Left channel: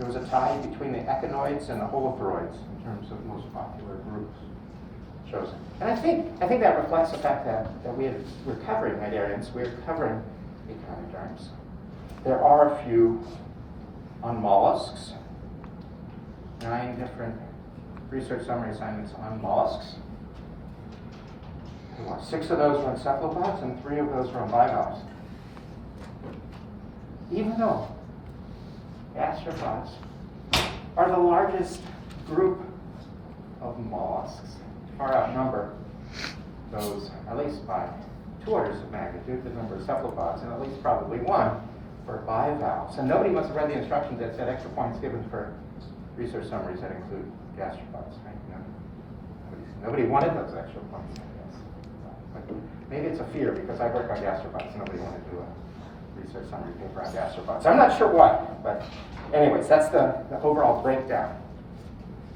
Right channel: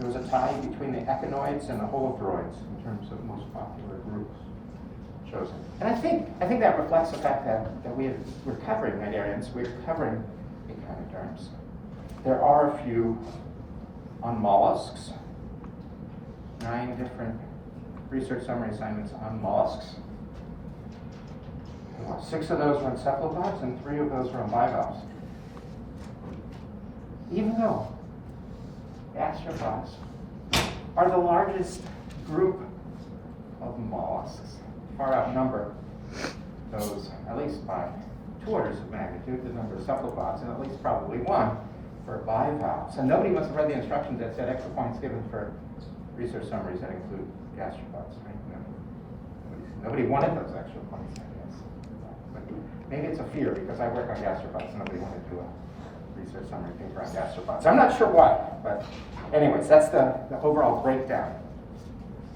there was a tie between the echinoids and the holophoroids in terms of most popular groups chosen. And I think that reflects the fact that we're covering Cnidarians, we're covering echinoderms. There are a few on mollusks, 9 different research summary assignments on mollusks. 6 of those were on cephalopods and 3 of those were on bivalves. Even though gastropods are the largest group of mollusks, far outnumber those, at least by 2 orders of magnitude, the number of cephalopods, and at least probably 1 for bivalves. And nobody must have read the instructions that said extra points given for research summaries that include gastropods. Right? Nobody wanted those extra points, I guess. But maybe it's a fear because I work on gastropods. Nobody wanted to do a research summary paper on gastropods. I'm not sure why, but anyways, that's the overall breakdown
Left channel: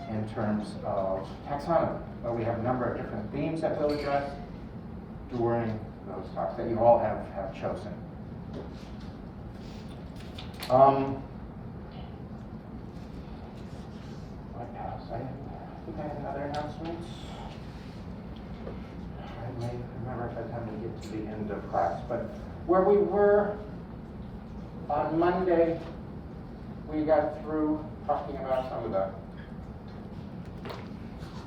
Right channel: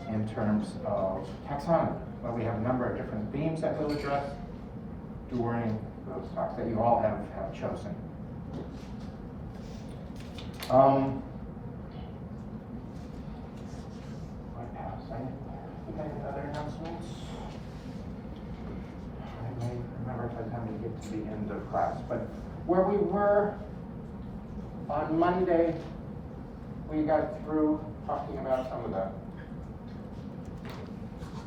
in terms of taxonomy. But we have a number of different themes that we'll address during those talks that you all have chosen. I think I have another announcements. I may remember by the time we get to the end of class. But where we were on Monday, we got through talking about some of the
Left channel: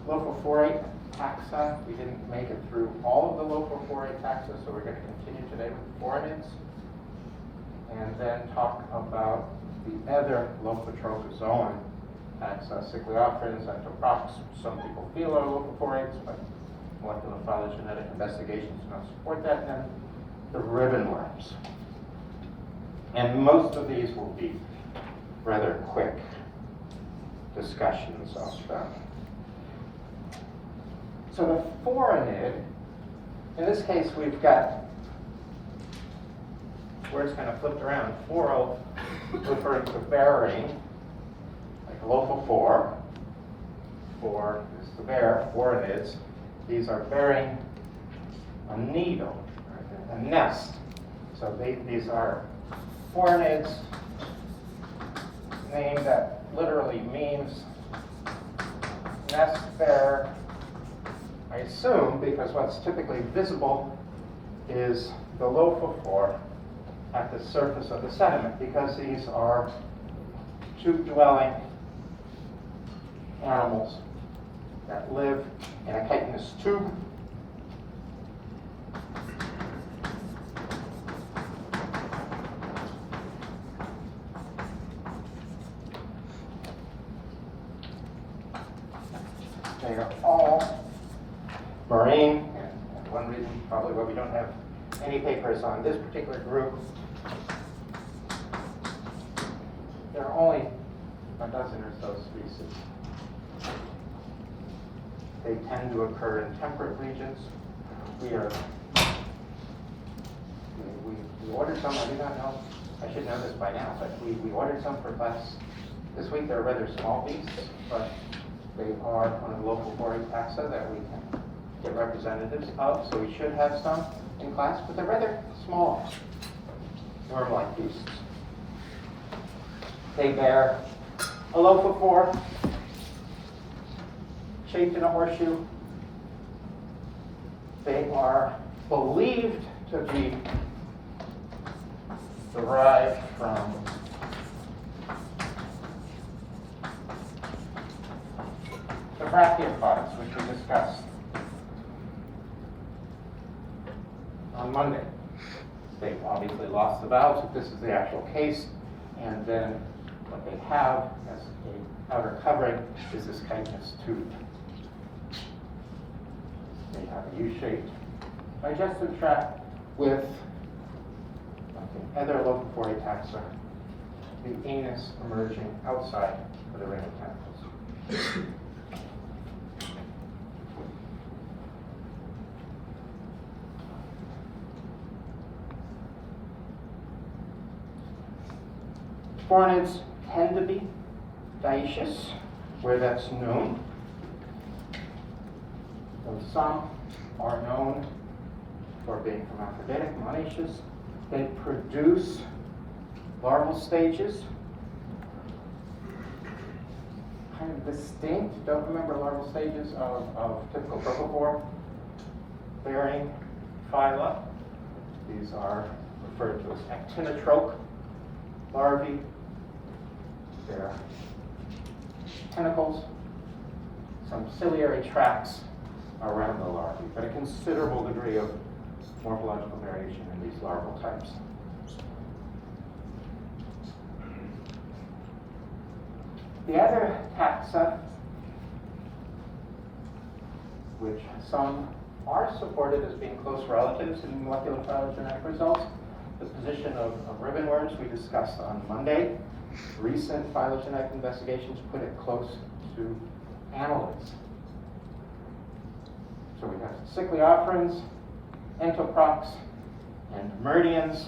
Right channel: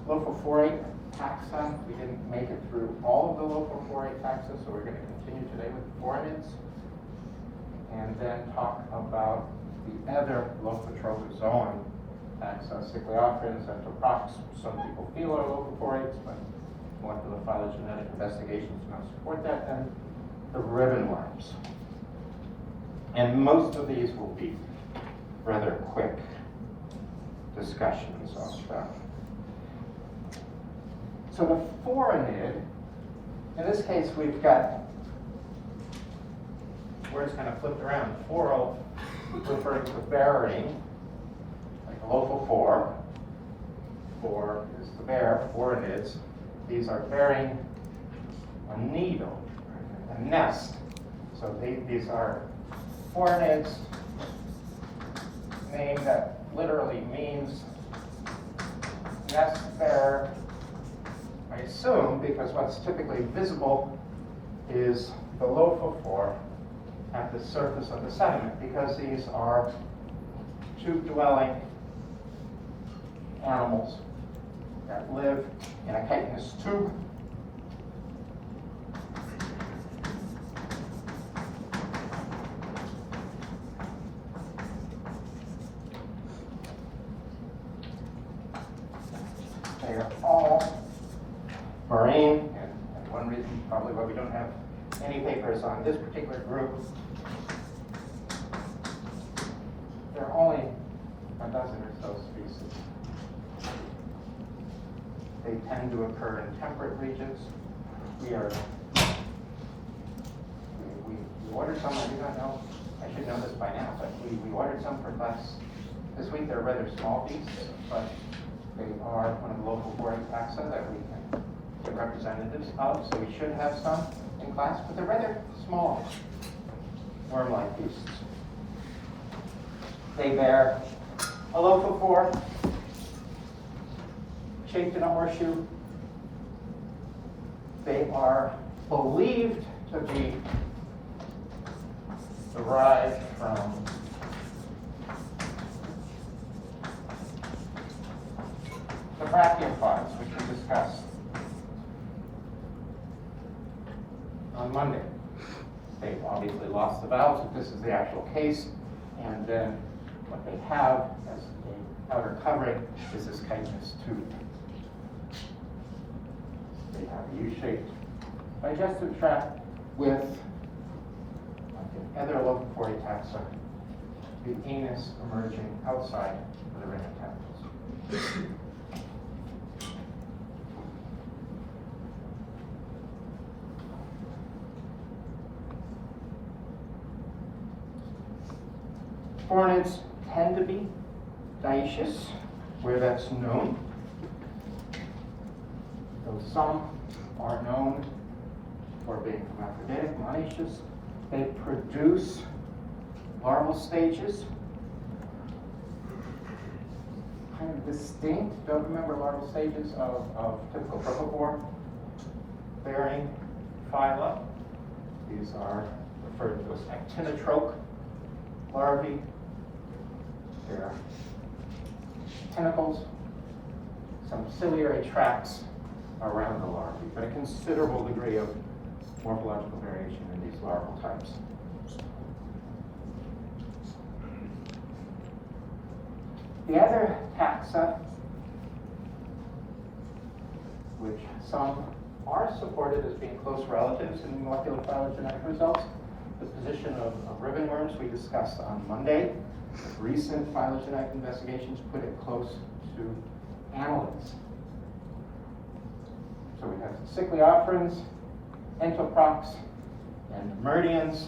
Lophophorate taxa. We didn't make it through all of the Lophophorate taxa, so we're going to continue today with phorids. And then talk about the other Lophotrochozoan taxa, Cycloopterans, Entoprocs. Some people feel are Lophophorates, but molecular phylogenetic investigations do not support that. And the ribbon worms. And most of these will be rather quick discussions of them. So the phorinid, in this case we've got words kind of flipped around. Phoro referring to bearing, like Lophophore. Phor is the bear, phorinids. These are bearing a needle, a nest. So these are phorinids, name that literally means nest bear, I assume, because what's typically visible is the lophophore at the surface of the sediment, because these are tube-dwelling animals that live in a chitinous tube. They are all marine, and one reason probably why we don't have any papers on this particular group. There are only a dozen or so species. They tend to occur in temperate regions. We ordered some, I do not know, I should know this by now, but we ordered some for class this week. They're rather small beasts, but they are one of the local foreign taxa that we can get representatives of, so we should have some in class, but they're rather small, worm-like beasts. They bear a lophophore shaped in a horseshoe. They are believed to be derived from the brachiopods, which we discussed on Monday. They've obviously lost the valves if this is the actual case, and then what they have as a covering is this chitinous tube. They have a U-shaped digestive tract with other Lophophorate taxa, the anus emerging outside of the ring of tentacles. Phorinids tend to be dioecious, where that's known. Though some are known for being hermaphroditic, monoecious. They produce larval stages kind of distinct, don't remember larval stages of typical lophophore bearing phyla. These are referred to as actinotroch larvae. Their tentacles, some ciliary tracts around the larvae, but a considerable degree of morphological variation in these larval types. The other taxa, which some are supported as being close relatives in molecular phylogenetic results, the position of ribbon worms we discussed on Monday. Recent phylogenetic investigations put it close to annelids. So we have Cycliophorans, Entoprocs, and Meridians,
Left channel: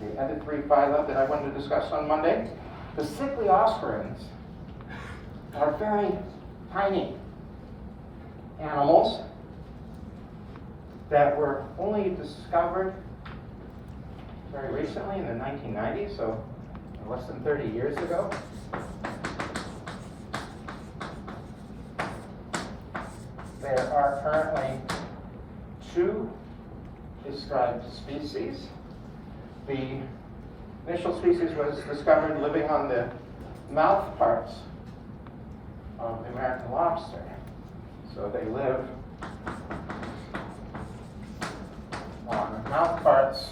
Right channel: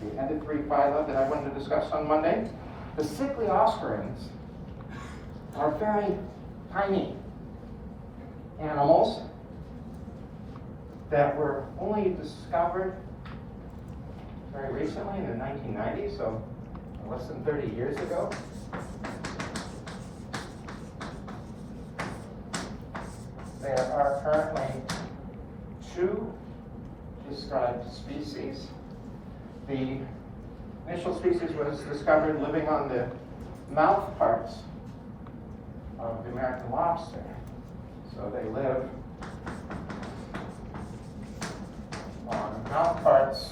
the other three phyla that I wanted to discuss on Monday. The Cycliophorans are very tiny animals that were only discovered very recently in the 1990s, so less than 30 years ago. There are currently 2 described species. The initial species was discovered living on the mouth parts of the American lobster. So they live on mouth parts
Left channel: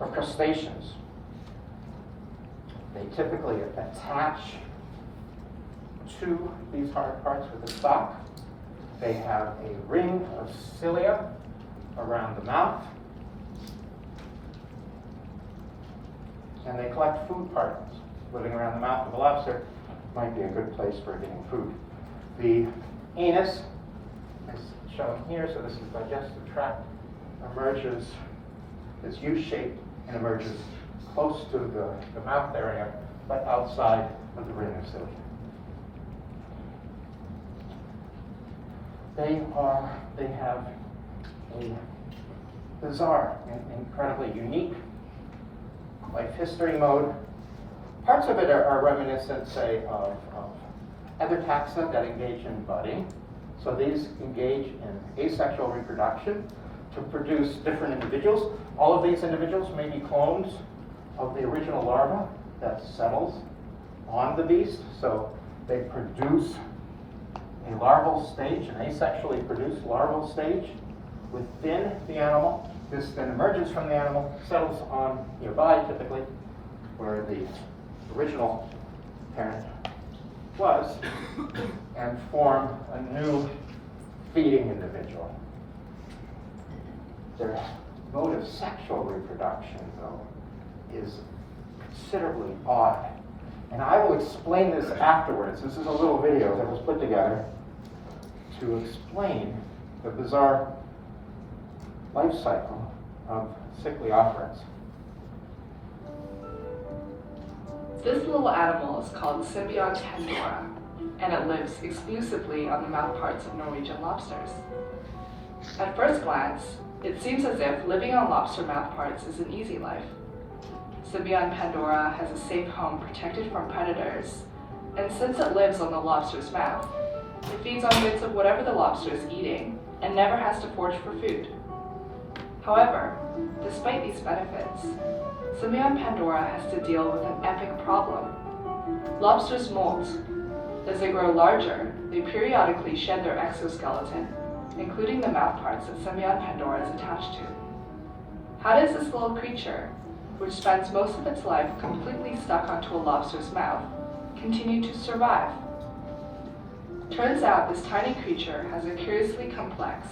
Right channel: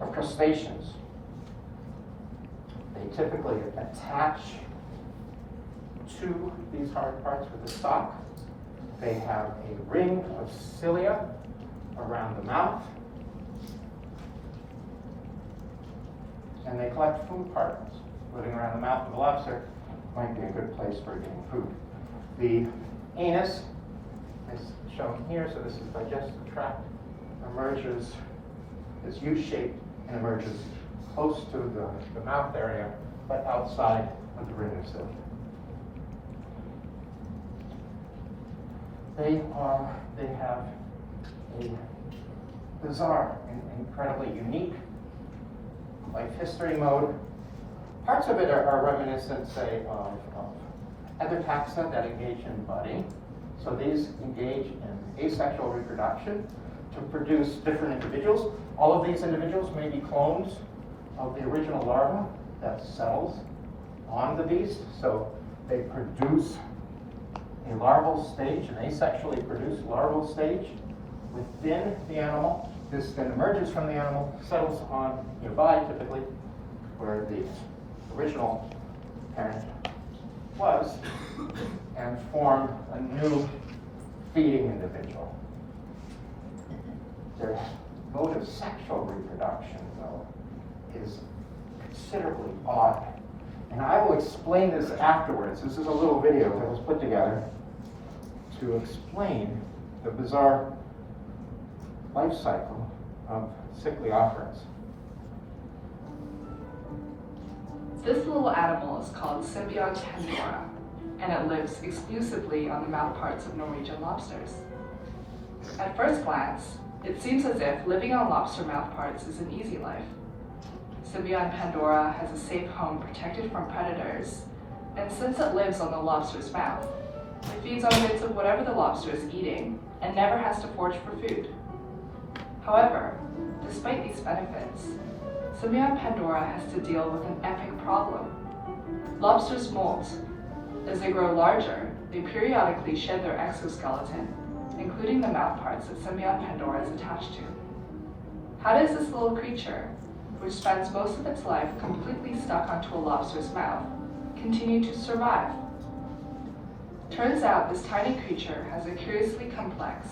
of crustaceans. They typically attach to these hard parts with a stalk. They have a ring of cilia around the mouth, and they collect food particles. Living around the mouth of a lobster might be a good place for getting food. The anus is shown here, so this is the digestive tract, emerges, is U-shaped and emerges close to the mouth area, but outside of the ring of cilia. They have a bizarre and incredibly unique life history mode. Parts of it are reminiscent, say, of other taxa that engage in budding. So these engage in asexual reproduction to produce different individuals. All of these individuals may be clones of the original larva that settles on the beast. So they produce a larval stage, an asexually produced larval stage within the animal. This then emerges from the animal, settles on nearby typically, where the original parent was, and form a new feeding individual. Their mode of sexual reproduction, though, is considerably odd. And I will explain this afterwards. This is a little video that was put together to explain the bizarre life cycle of Cycliophorans. This little animal is called Symbion Pandora, and it lives exclusively on the mouthparts of Norwegian lobsters. At first glance, it seems as if living on lobster mouthparts is an easy life. Symbion Pandora has a safe home protected from predators, and since it lives on the lobster's mouth, it feeds on bits of whatever the lobster is eating and never has to forage for food. However, despite these benefits, Symbion Pandora has to deal with an epic problem. Lobsters molt. As they grow larger, they periodically shed their exoskeleton, including the mouthparts that Symbion Pandora is attached to. How does this little creature, which spends most of its life completely stuck onto a lobster's mouth, continue to survive? Turns out this tiny creature has a curiously complex,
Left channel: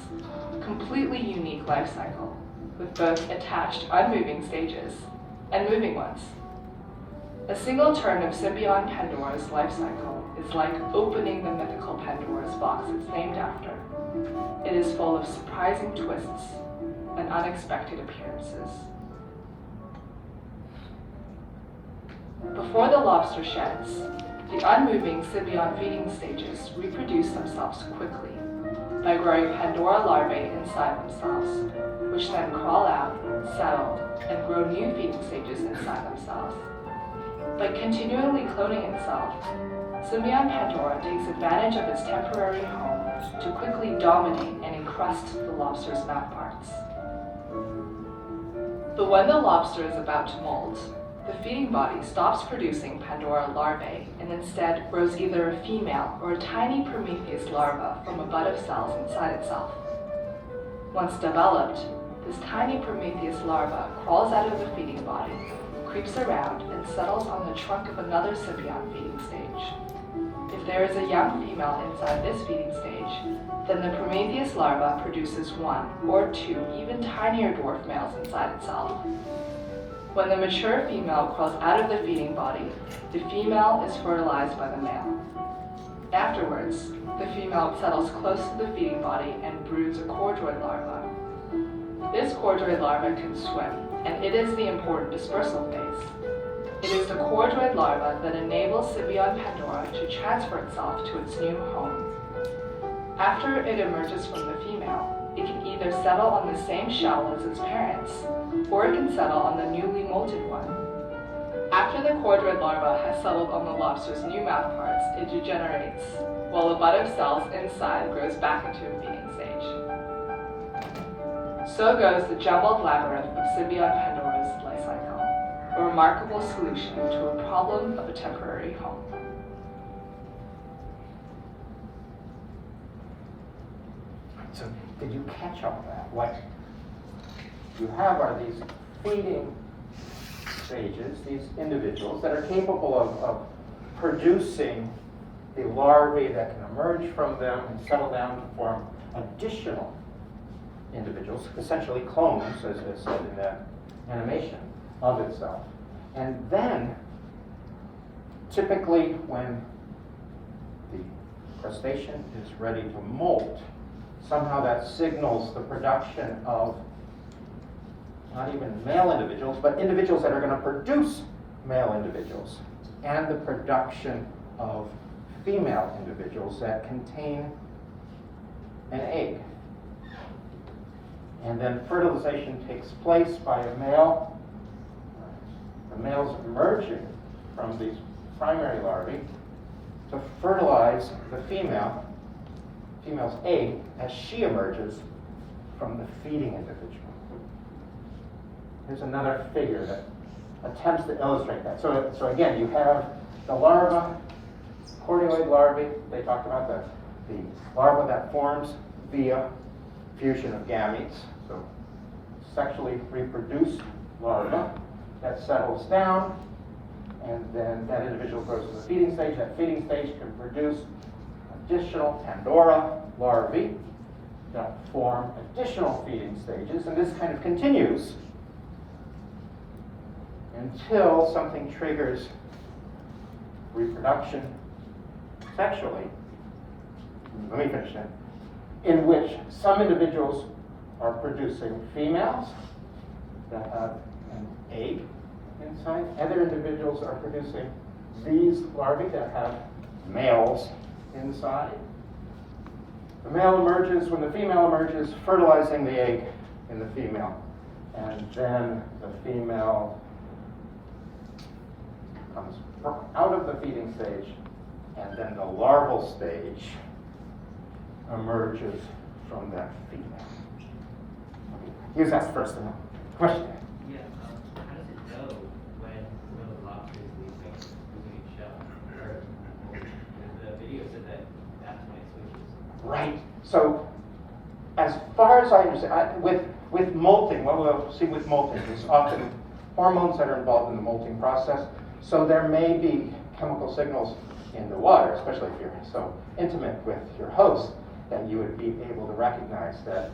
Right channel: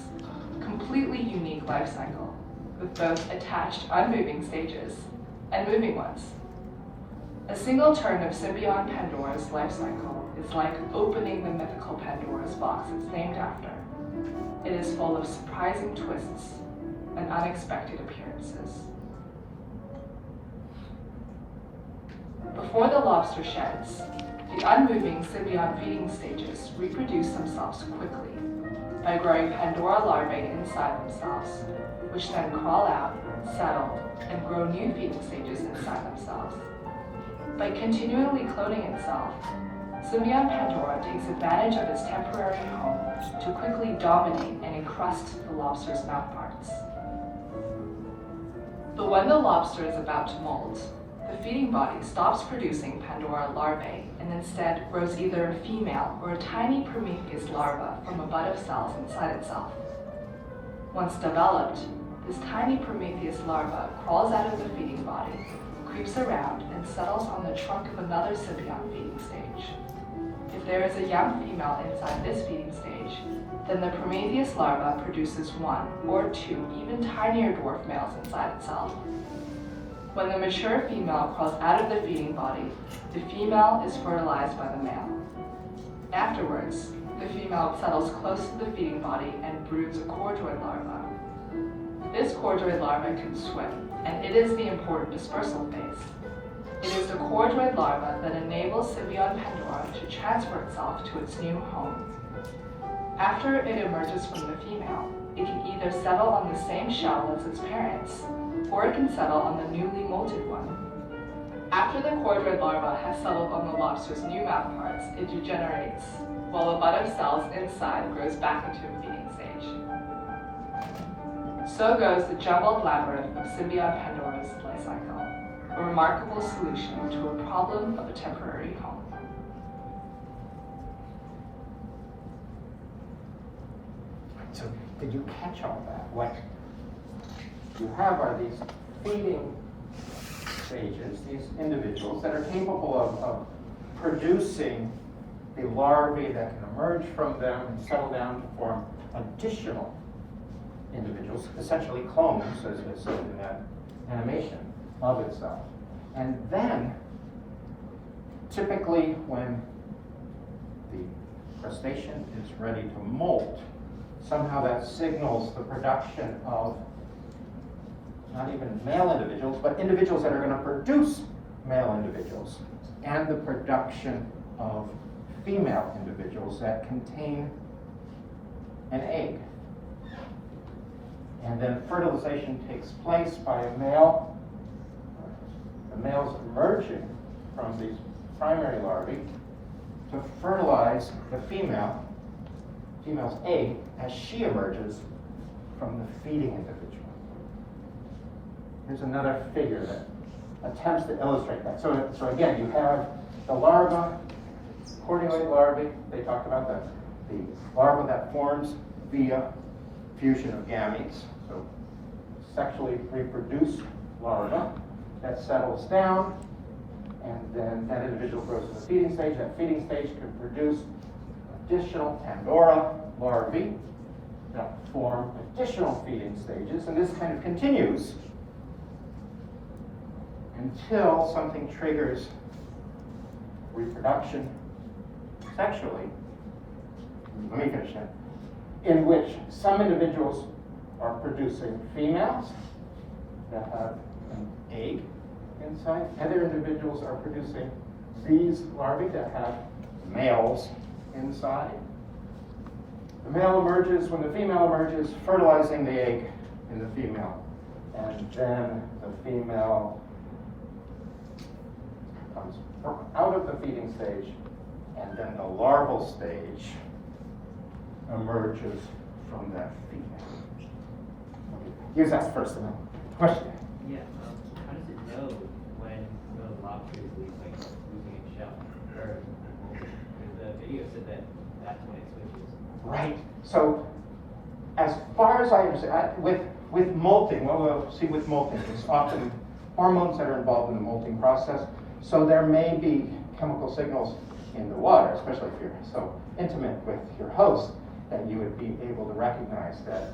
completely unique life cycle, with both attached unmoving stages and moving ones. A single turn of Symbion Pandora's life cycle is like opening the mythical Pandora's box it's named after. It is full of surprising twists and unexpected appearances. Before the lobster sheds, the unmoving Symbion feeding stages reproduce themselves quickly, by growing Pandora larvae inside themselves, which then crawl out, settle, and grow new feeding stages inside themselves. By continually cloning itself, symbiont Pandora takes advantage of its temporary home to quickly dominate and encrust the lobster's mouthparts. But when the lobster is about to molt, the feeding body stops producing Pandora larvae and instead grows either a female or a tiny Prometheus larva from a bud of cells inside itself. Once developed, this tiny Prometheus larva crawls out of the feeding body, creeps around, and settles on the trunk of another symbiont feeding stage. If there is a young female inside this feeding stage, then the Prometheus larva produces one or two even tinier dwarf males inside itself. When the mature female crawls out of the feeding body, the female is fertilized by the male. Afterwards, the female settles close to the feeding body and broods a chordroid larva. This chordroid larva can swim, and it is the important dispersal phase. It is the chordroid larva that enables symbiont Pandora to transfer itself to its new home. After it emerges from the female, it can either settle on the same shell as its parents, or it can settle on the newly molted one. After the chordroid larva has settled on the lobster's new mouthparts, it degenerates, while a bud of cells inside grows back into a feeding stage. So goes the jumbled labyrinth of symbiont Pandora's life cycle, a remarkable solution to a problem of a temporary home. So did you catch all that? What you have are these feeding stages, these individuals that are capable of producing the larvae that can emerge from them and settle down to form additional individuals, essentially clones, as is said in that animation of itself. And then, typically when the crustacean is ready to molt, somehow that signals the production of not even male individuals, but individuals that are going to produce male individuals, and the production of female individuals that contain an egg. And then fertilization takes place by a male. The males emerging from these primary larvae to fertilize the female's egg as she emerges from the feeding individual. Here's another figure that attempts to illustrate that. So again, you have the larva, chordioid larvae. They talk about the larva that forms via fusion of gametes. So sexually reproduced larva that settles down, and then that individual goes to the feeding stage. That feeding stage can produce additional Pandora larvae that form additional feeding stages, and this kind of continues until something triggers reproduction sexually. Let me finish that. In which some individuals are producing females that have an egg inside. Other individuals are producing these larvae that have males inside. The male emerges when the female emerges, fertilizing the egg in the female. And then the female comes out of the feeding stage, and then the larval stage emerges from that female. Use that first question. Yeah, how does it know when the lobster is losing its shell? Or the video said that that's when it switches. Right. So, as far as I understand, with molting, what we'll see with molting is often hormones that are involved in the molting process. So there may be chemical signals in the water, especially if you're so intimate with your host, that you would be able to recognize that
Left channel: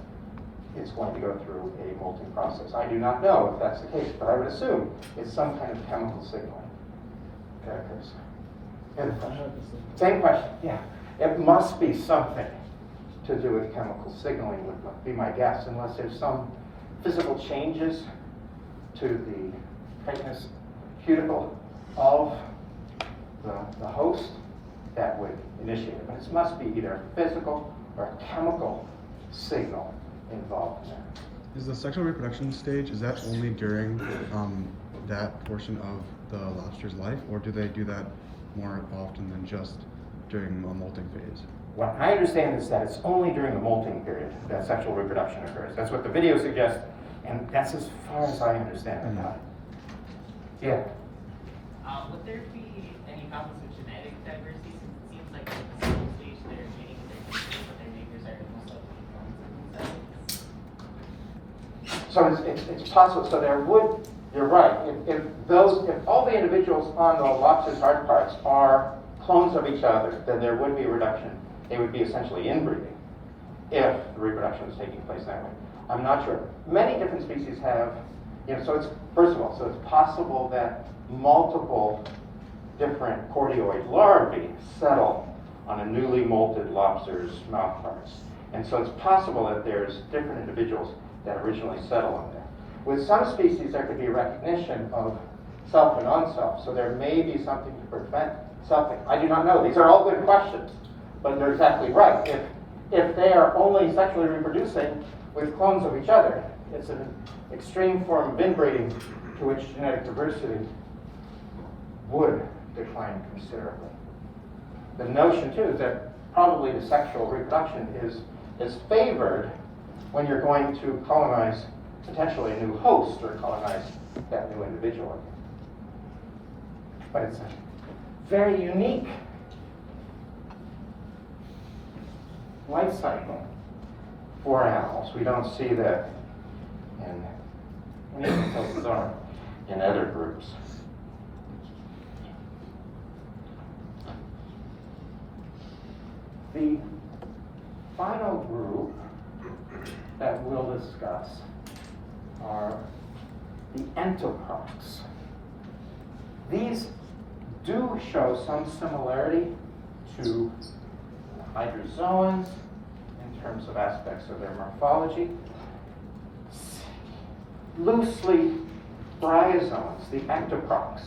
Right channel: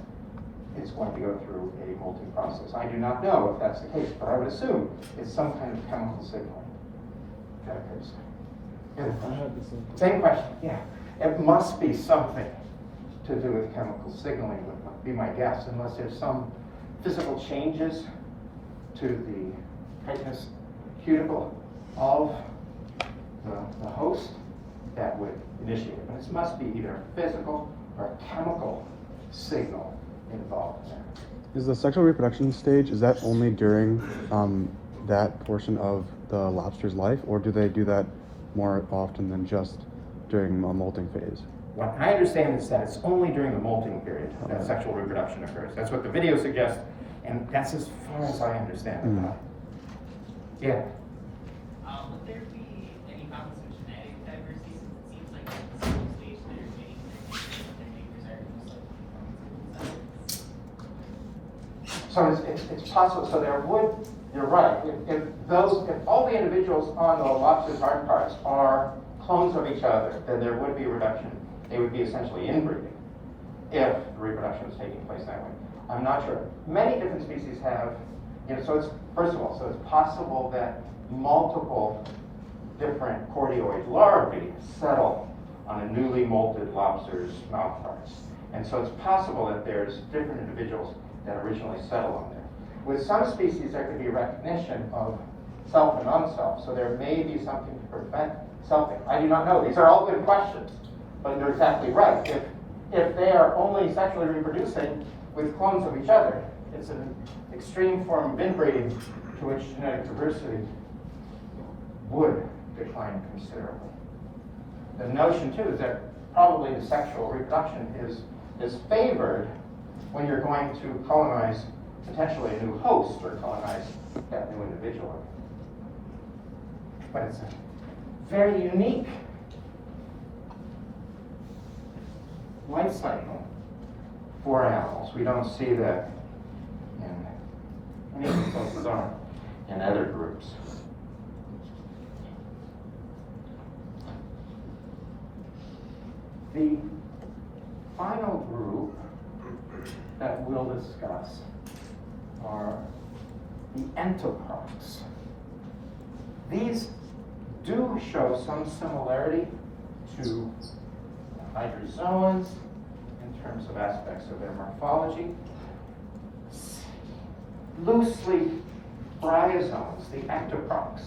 it's going to go through a molting process. I do not know if that's the case, but I would assume it's some kind of chemical signaling that occurs. Same question, yeah. It must be something to do with chemical signaling, would be my guess, unless there's some physical changes to the chitinous cuticle of the host that would initiate it. But it must be either physical or a chemical signal involved there. Is the sexual reproduction stage, is that only during that portion of the lobster's life, or do they do that more often than just during the molting phase? What I understand is that it's only during the molting period that sexual reproduction occurs. That's what the video suggests, and that's as far as I understand it. Yeah. Would there be any problems with genetic diversity, since it seems like at the same stage they're mating and their neighbors are also So it's possible, so there would, you're right, if all the individuals on the lobster's hard parts are clones of each other, then there would be a reduction. They would be essentially inbreeding if the reproduction was taking place that way. I'm not sure. Many different species have, so it's, first of all, so it's possible that multiple different chordioid larvae settle on a newly molted lobster's mouth parts. And so it's possible that there's different individuals that originally settle on there. With some species, there could be recognition of self and non-self, so there may be something to prevent something. I do not know. These are all good questions, but you're exactly right. If they are only sexually reproducing with clones of each other, it's an extreme form of inbreeding to which genetic diversity would decline considerably. The notion, too, is that probably the sexual reproduction is favored when you're going to colonize potentially a new host or colonize that new individual. But it's a very unique life cycle for animals. We don't see that in any of the places are in other groups. The final group that we'll discuss are the entoprocs. These do show some similarity to hydrozoans in terms of aspects of their morphology. Loosely, bryozoans, the ectoprocs.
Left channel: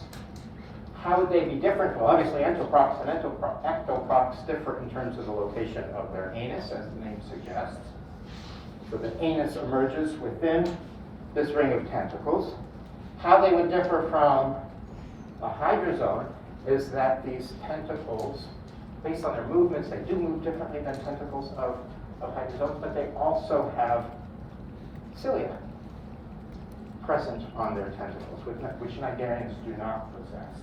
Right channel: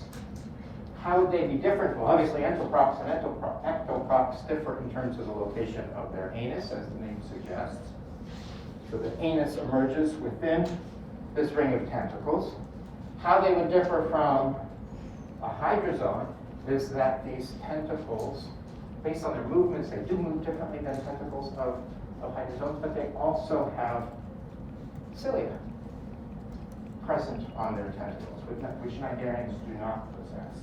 How would they be different? Well, obviously, entoprocs and ectoprocs differ in terms of the location of their anus, as the name suggests. So the anus emerges within this ring of tentacles. How they would differ from a hydrozoan is that these tentacles, based on their movements, they do move differently than tentacles of hydrozoans, but they also have cilia present on their tentacles, which cnidarians do not possess.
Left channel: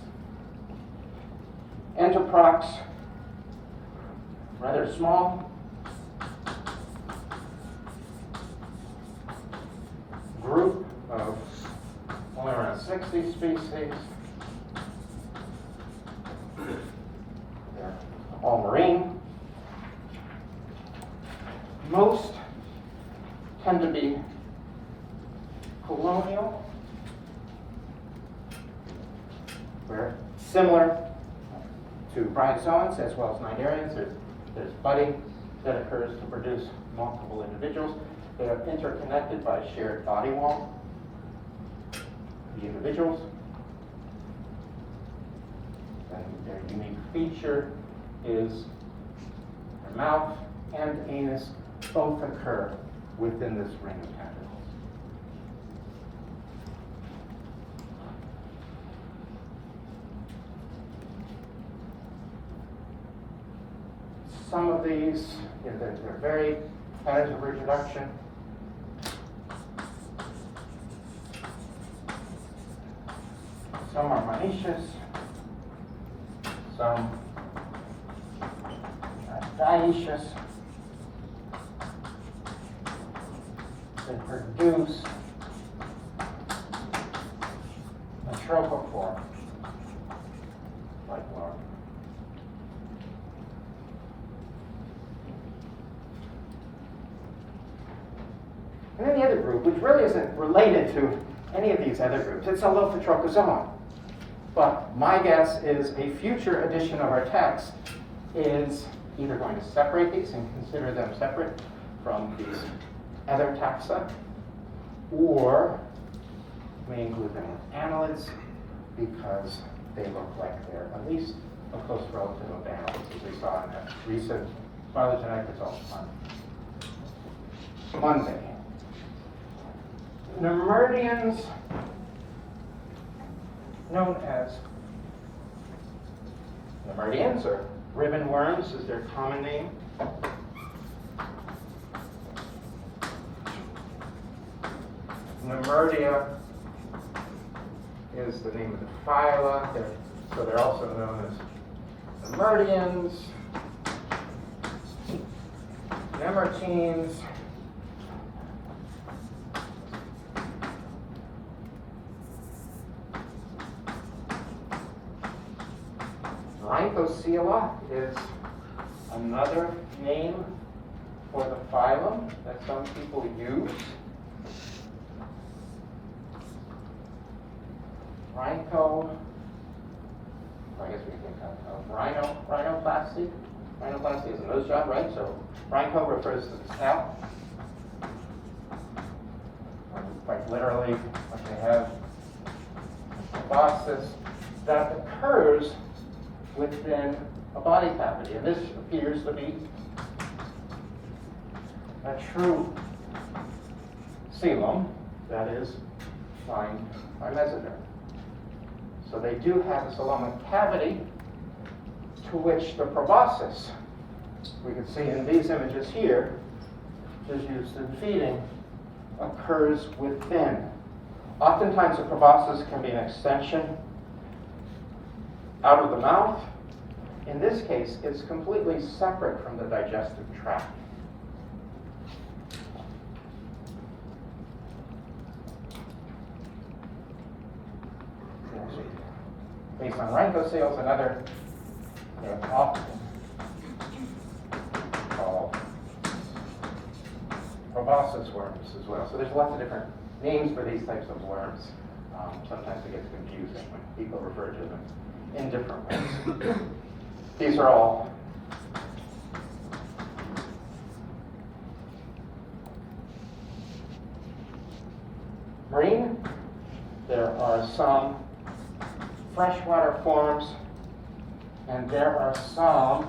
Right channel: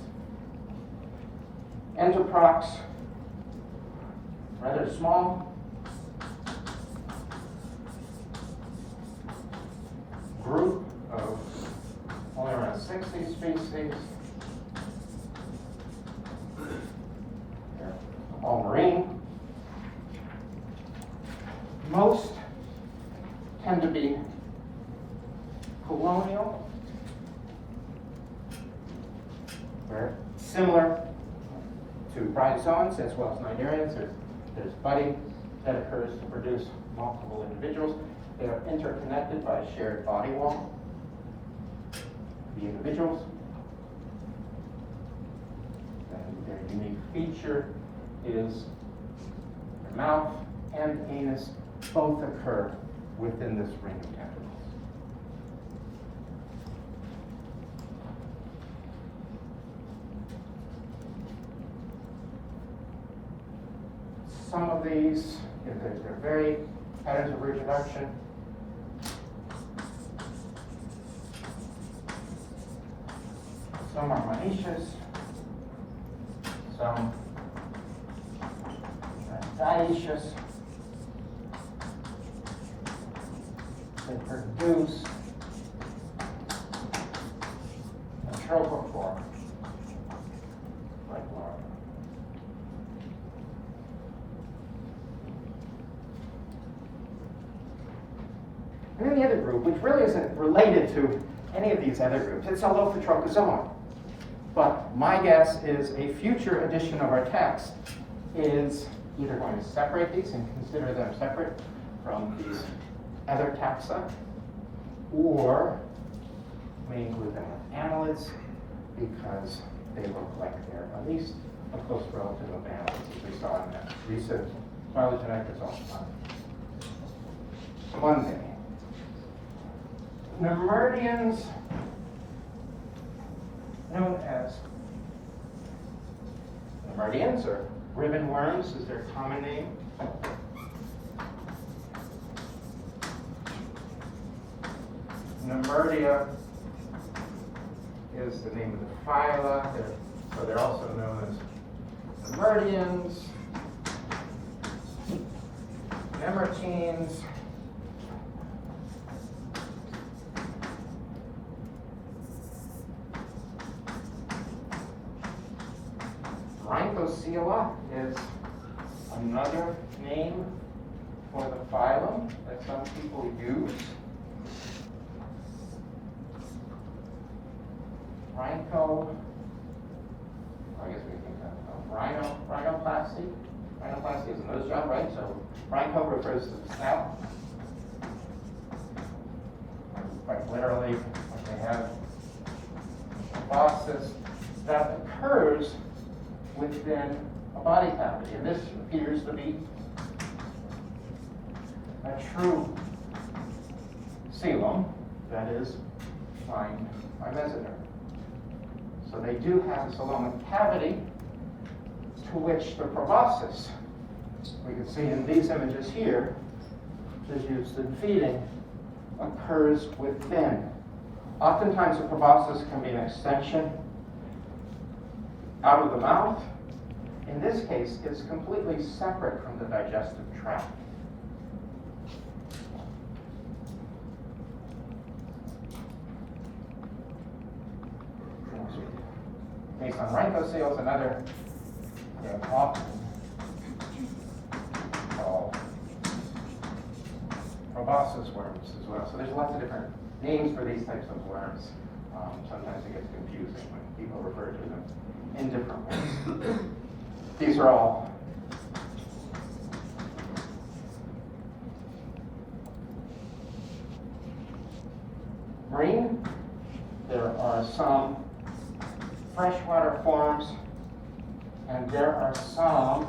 Entoprocs, rather small, group of only around 60 species. They're all marine. Most tend to be colonial. They're similar to bryozoans as well as cnidarians. There's budding that occurs to produce multiple individuals. They are interconnected by a shared body wall. The individuals. And their unique feature is their mouth and anus both occur within this ring of tentacles. Some of these, they're very patterns of reproduction. Some are monoecious, some are dioecious. They produce a trophophore like larvae. And then the other group, which really isn't related to any of these other groups, it's a Lophophorata. But my guess is a future edition of our text is either going to separate these and consider them separate from these other taxa, or may include them with annelids because they look like they're at least a close relative of annelids, as we saw in that recent phylogenetic results. Monday. Nemerdians, known as Nemerdians, or ribbon worms is their common name. Nemerdia is the name of the phyla, so they're also known as Nemerdians, Nemertines, Rhynchocoela is another name for the phylum that some people use. Rhyncho, I guess we think rhinoplasty. Rhinoplasty is a nose job, right? So rhyncho refers to the scalp. Quite literally, what they have proboscis that occurs within a body cavity. And this appears to be a true coelom that is lined by mesoderm. So they do have a coelomic cavity to which the proboscis, we can see in these images here, is used in feeding, occurs within. Oftentimes the proboscis can be an extension out of the mouth. In this case, it's completely separate from the digestive tract. Based on rhynchoceles, another often called proboscis worms as well. So there's lots of different names for these types of worms. Sometimes it gets confusing when people refer to them in different ways. These are all marine. There are some freshwater forms, and there are some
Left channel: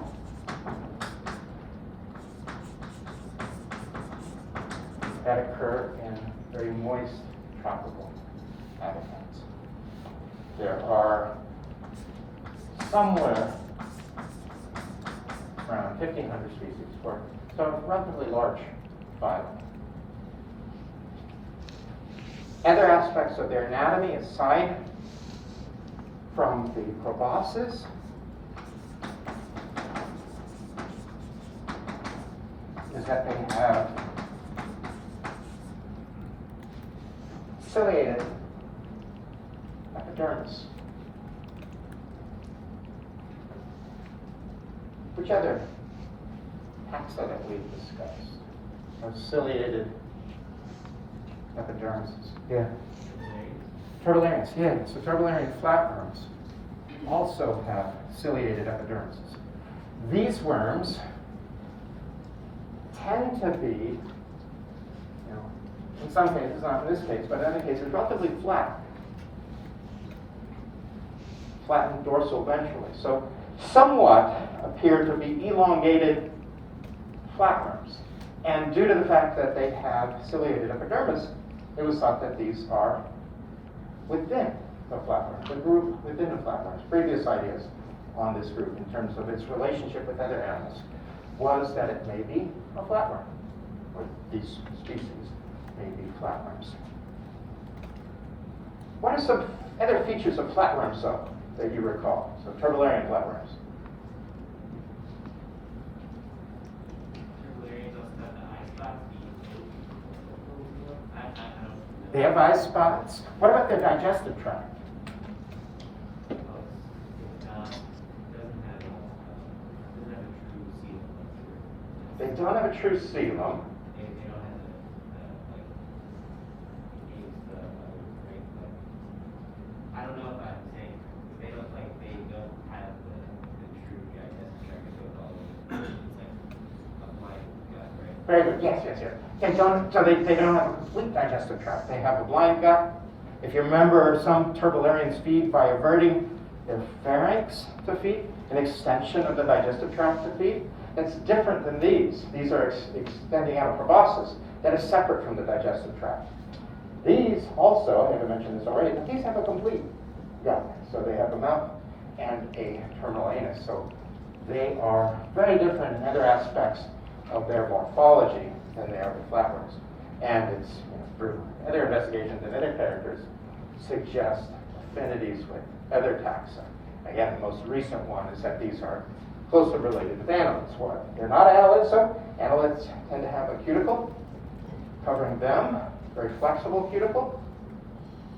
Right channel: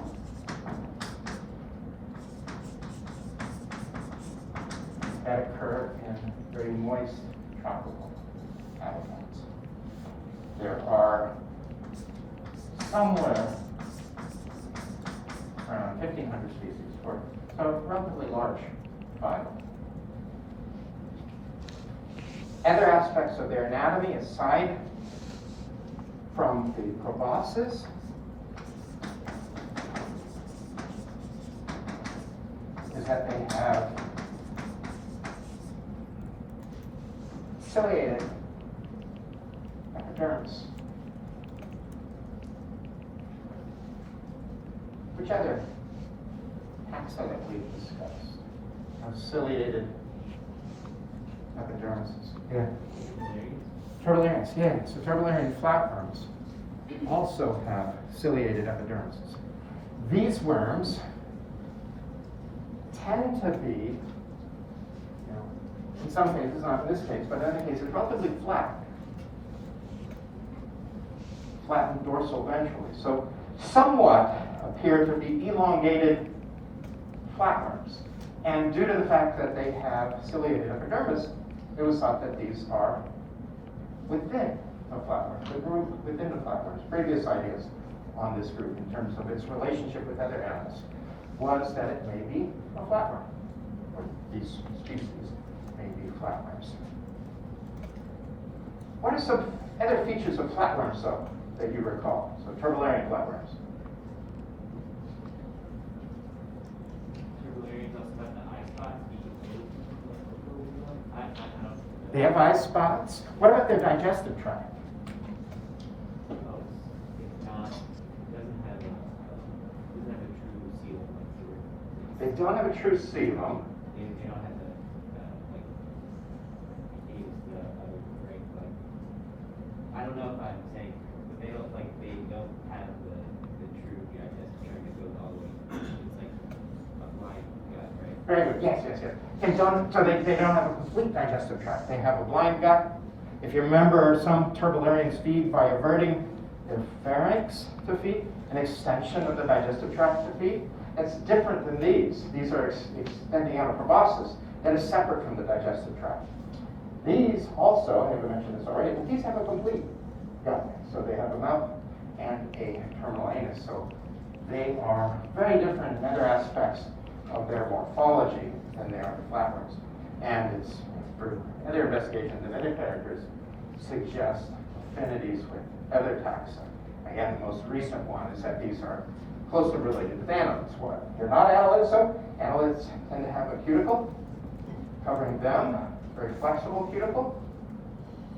that occur in very moist tropical habitats. There are somewhere around 1,500 species, so a relatively large phylum. Other aspects of their anatomy, aside from the proboscis, is that they have ciliated epidermis. Which other taxa that we've discussed have ciliated epidermises? Yeah. Turtularians, yeah. So turtularian flatworms also have ciliated epidermises. These worms tend to be, in some cases, not in this case, but in other cases, relatively flat. Flattened dorsal ventrally. So somewhat appear to be elongated flatworms. And due to the fact that they have ciliated epidermis, it was thought that these are within the flatworm, the group within the flatworms. Previous ideas on this group in terms of its relationship with other animals was that it may be a flatworm, or these species may be flatworms. What are some other features of flatworms, though, that you recall? So turtularian flatworms. They have eye spots. What about their digestive tract? They don't have a true coelom. I don't know if I'm saying they don't have the true digestive tract. It's like a blind gut, right? Very good. Yes. They don't. So they don't have a complete digestive tract. They have a blind gut. If you remember, some turbularians feed by averting their pharynx to feed, an extension of the digestive tract to feed. that's different than these. These are extending out a proboscis that is separate from the digestive tract. These also, I think I mentioned this already, but these have a complete gut. So they have a mouth and a terminal anus. So they are very different in other aspects of their morphology than they are the flatworms. And it's through other investigations and other characters suggest affinities with other taxa. Again, the most recent one is that these are closely related with annelids. What? They're not annelids, so annelids tend to have a cuticle covering them, very flexible cuticle.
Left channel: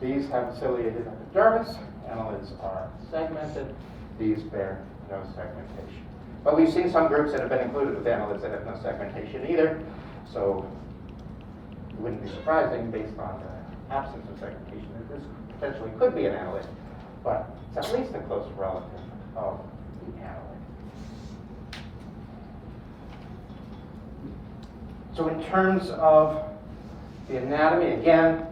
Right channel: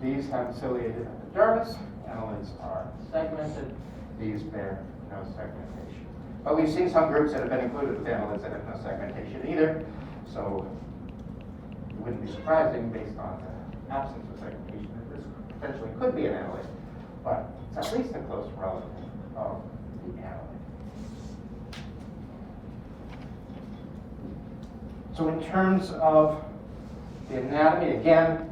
These have ciliated epidermis. Annelids are segmented. These bear no segmentation. But we've seen some groups that have been included with annelids that have no segmentation either. So it wouldn't be surprising based on the absence of segmentation that this potentially could be an annelid. But it's at least a close relative of the annelid. So in terms of the anatomy, again,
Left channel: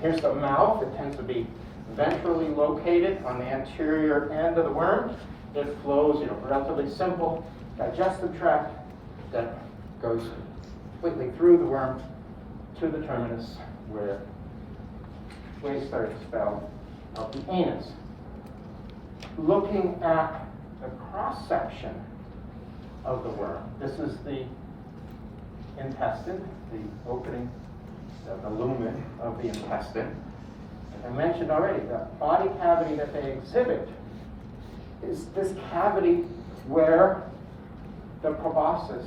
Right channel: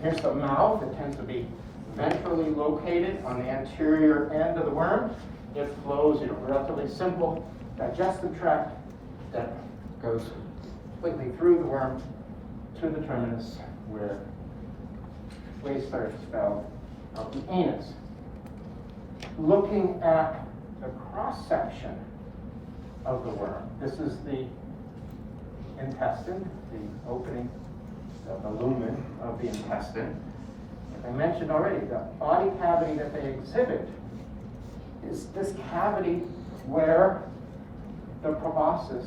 here's the mouth. It tends to be ventrally located on the anterior end of the worm. It flows, relatively simple digestive tract that goes completely through the worm to the terminus where wastes are expelled of the anus. Looking at the cross-section of the worm, this is the intestine, the opening, the lumen of the intestine. As I mentioned already, the body cavity that they exhibit is this cavity where the proboscis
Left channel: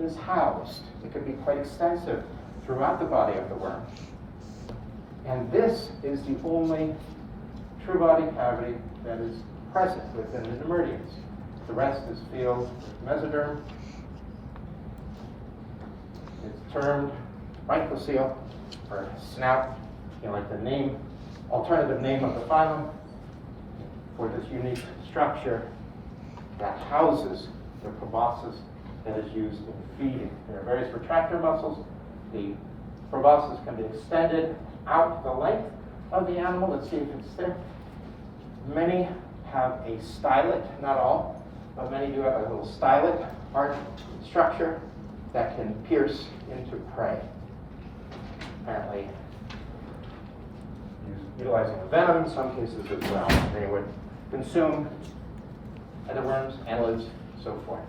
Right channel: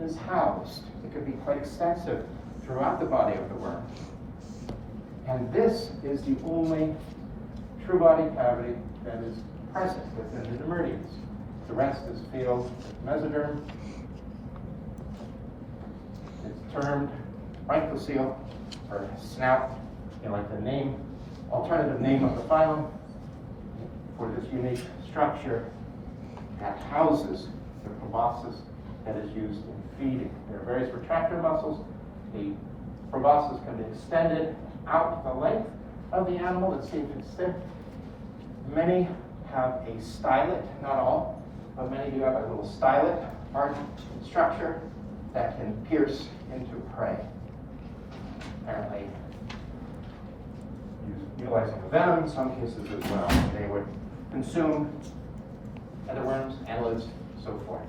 is housed. It can be quite extensive throughout the body of the worm. And this is the only true body cavity that is present within the Nemerteans. The rest is filled with mesoderm. It's termed rhynchocoel, or snout, like the name, alternative name of the phylum, for this unique structure that houses the proboscis that is used in feeding. There are various retractor muscles. The proboscis can be extended out the length of the animal. Let's see if it's there. Many have a stylet, not all, but many do have a little stylet arch structure that can pierce into prey. Apparently, utilizing venom in some cases as well. They would consume other worms, annelids, so forth.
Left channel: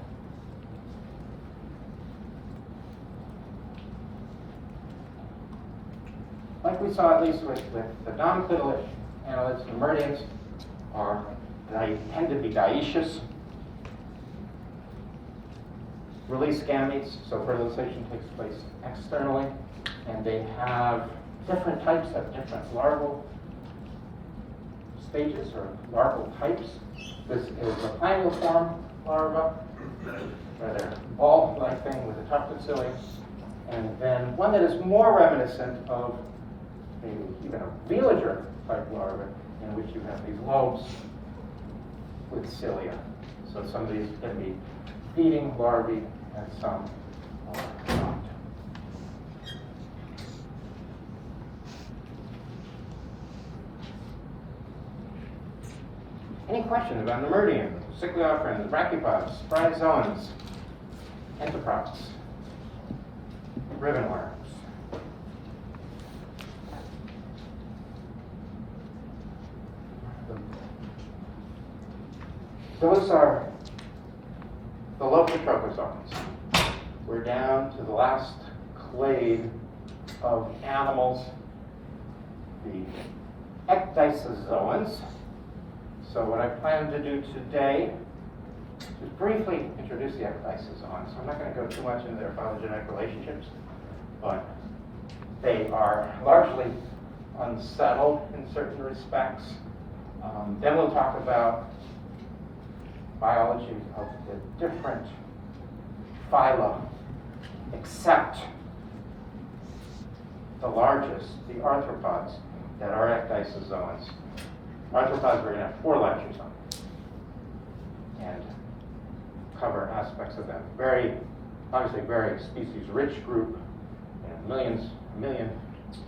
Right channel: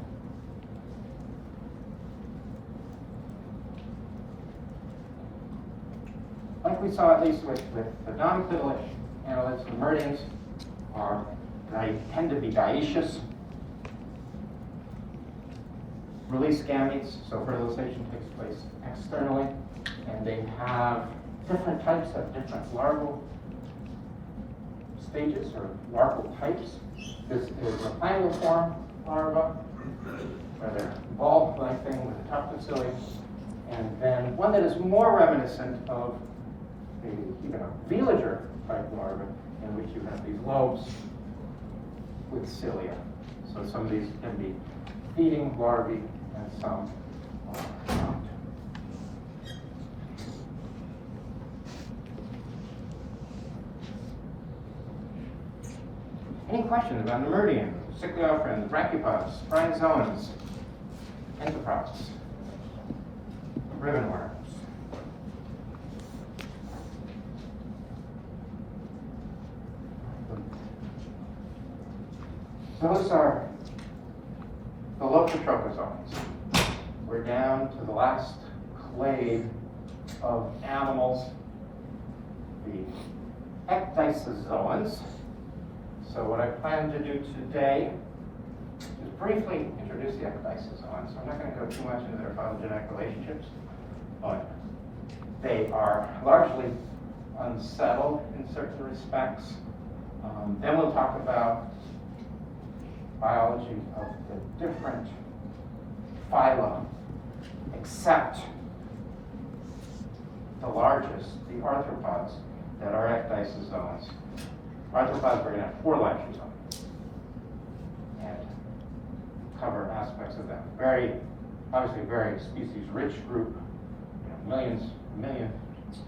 Like we saw at least with the non-clitolid annelids, Nemerteans they tend to be dioecious. Release gametes, so fertilization takes place externally, and they have different types of different larval stages or larval types. This is a plangiform larva, rather ball-like thing with a tufted cilia, and then one that is more reminiscent of even a velager type larva, in which you have these lobes with cilia. So some of these can be feeding larvae and some are not. Any questions about Nemertean, Cichliofrans, Brachiopods, Bryozoans, Entoprops, ribbon worms? Those are the Lophophorata. We're down to the last clade of animals, the ecdysozoans. So what I plan to do today is briefly introduce the ecdysozoans. I'm not going to go too much into their phylogenetic relationships, but they are largely unsettled in certain respects. Then we'll talk about biology of the different phylum, except the largest, the arthropods, that are ecdysozoans. Arthropods, we're going to have 4 lectures on and cover aspects of them. Obviously very species-rich group, a million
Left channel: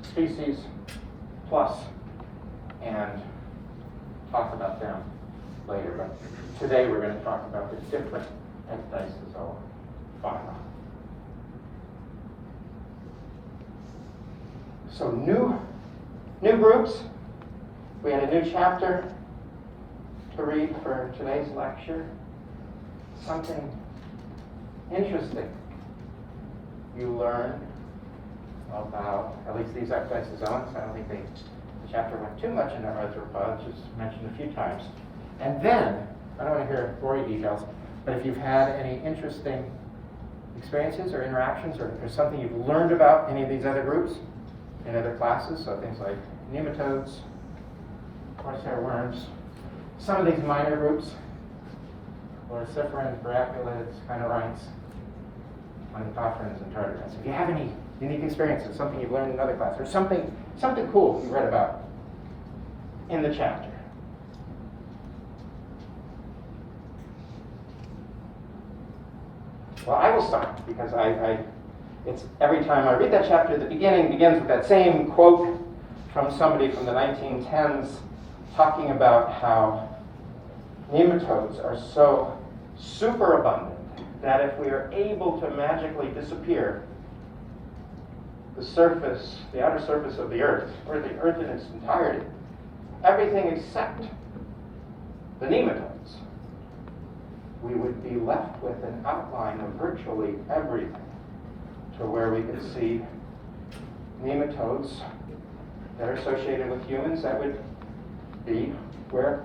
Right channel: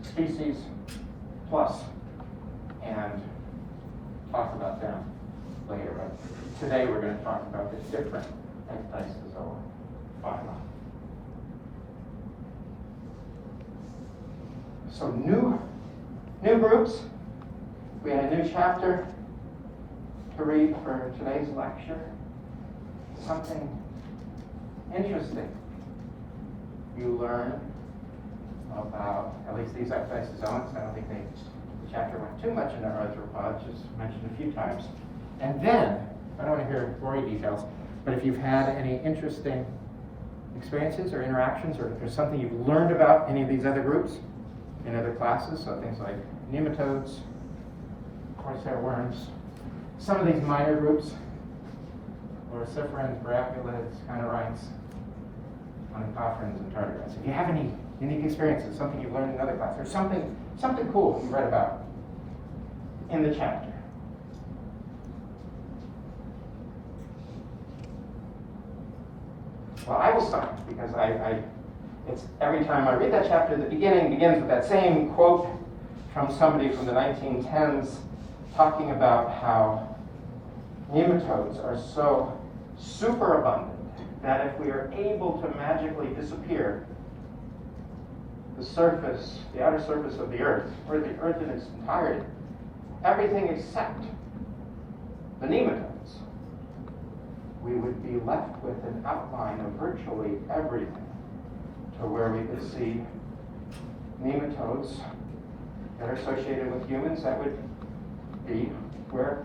species plus, and talk about them later. But today we're going to talk about the different ecdysozoa phyla. So new groups. We had a new chapter to read for today's lecture. Something interesting you learn about, at least these ecdysozoans. I don't think the chapter went too much into arthropods, just mentioned a few times. And then, I don't want to hear gory details, but if you've had any interesting experiences or interactions, or if there's something you've learned about any of these other groups in other classes, so things like nematodes, horsehair worms, some of these minor groups, loriciferans, brachylids, phenorites, onychophorans, and tardigrades. If you have any unique experiences, something you've learned in another class, or something cool you read about in the chapter. Well, I will start because it's every time I read that chapter, the beginning begins with that same quote from somebody from the 1910s talking about how nematodes are so super abundant that if we are able to magically disappear the surface, the outer surface of the Earth, or the Earth in its entirety, everything except the nematodes, we would be left with an outline of virtually everything, to where we could see nematodes that are associated with humans. That would be where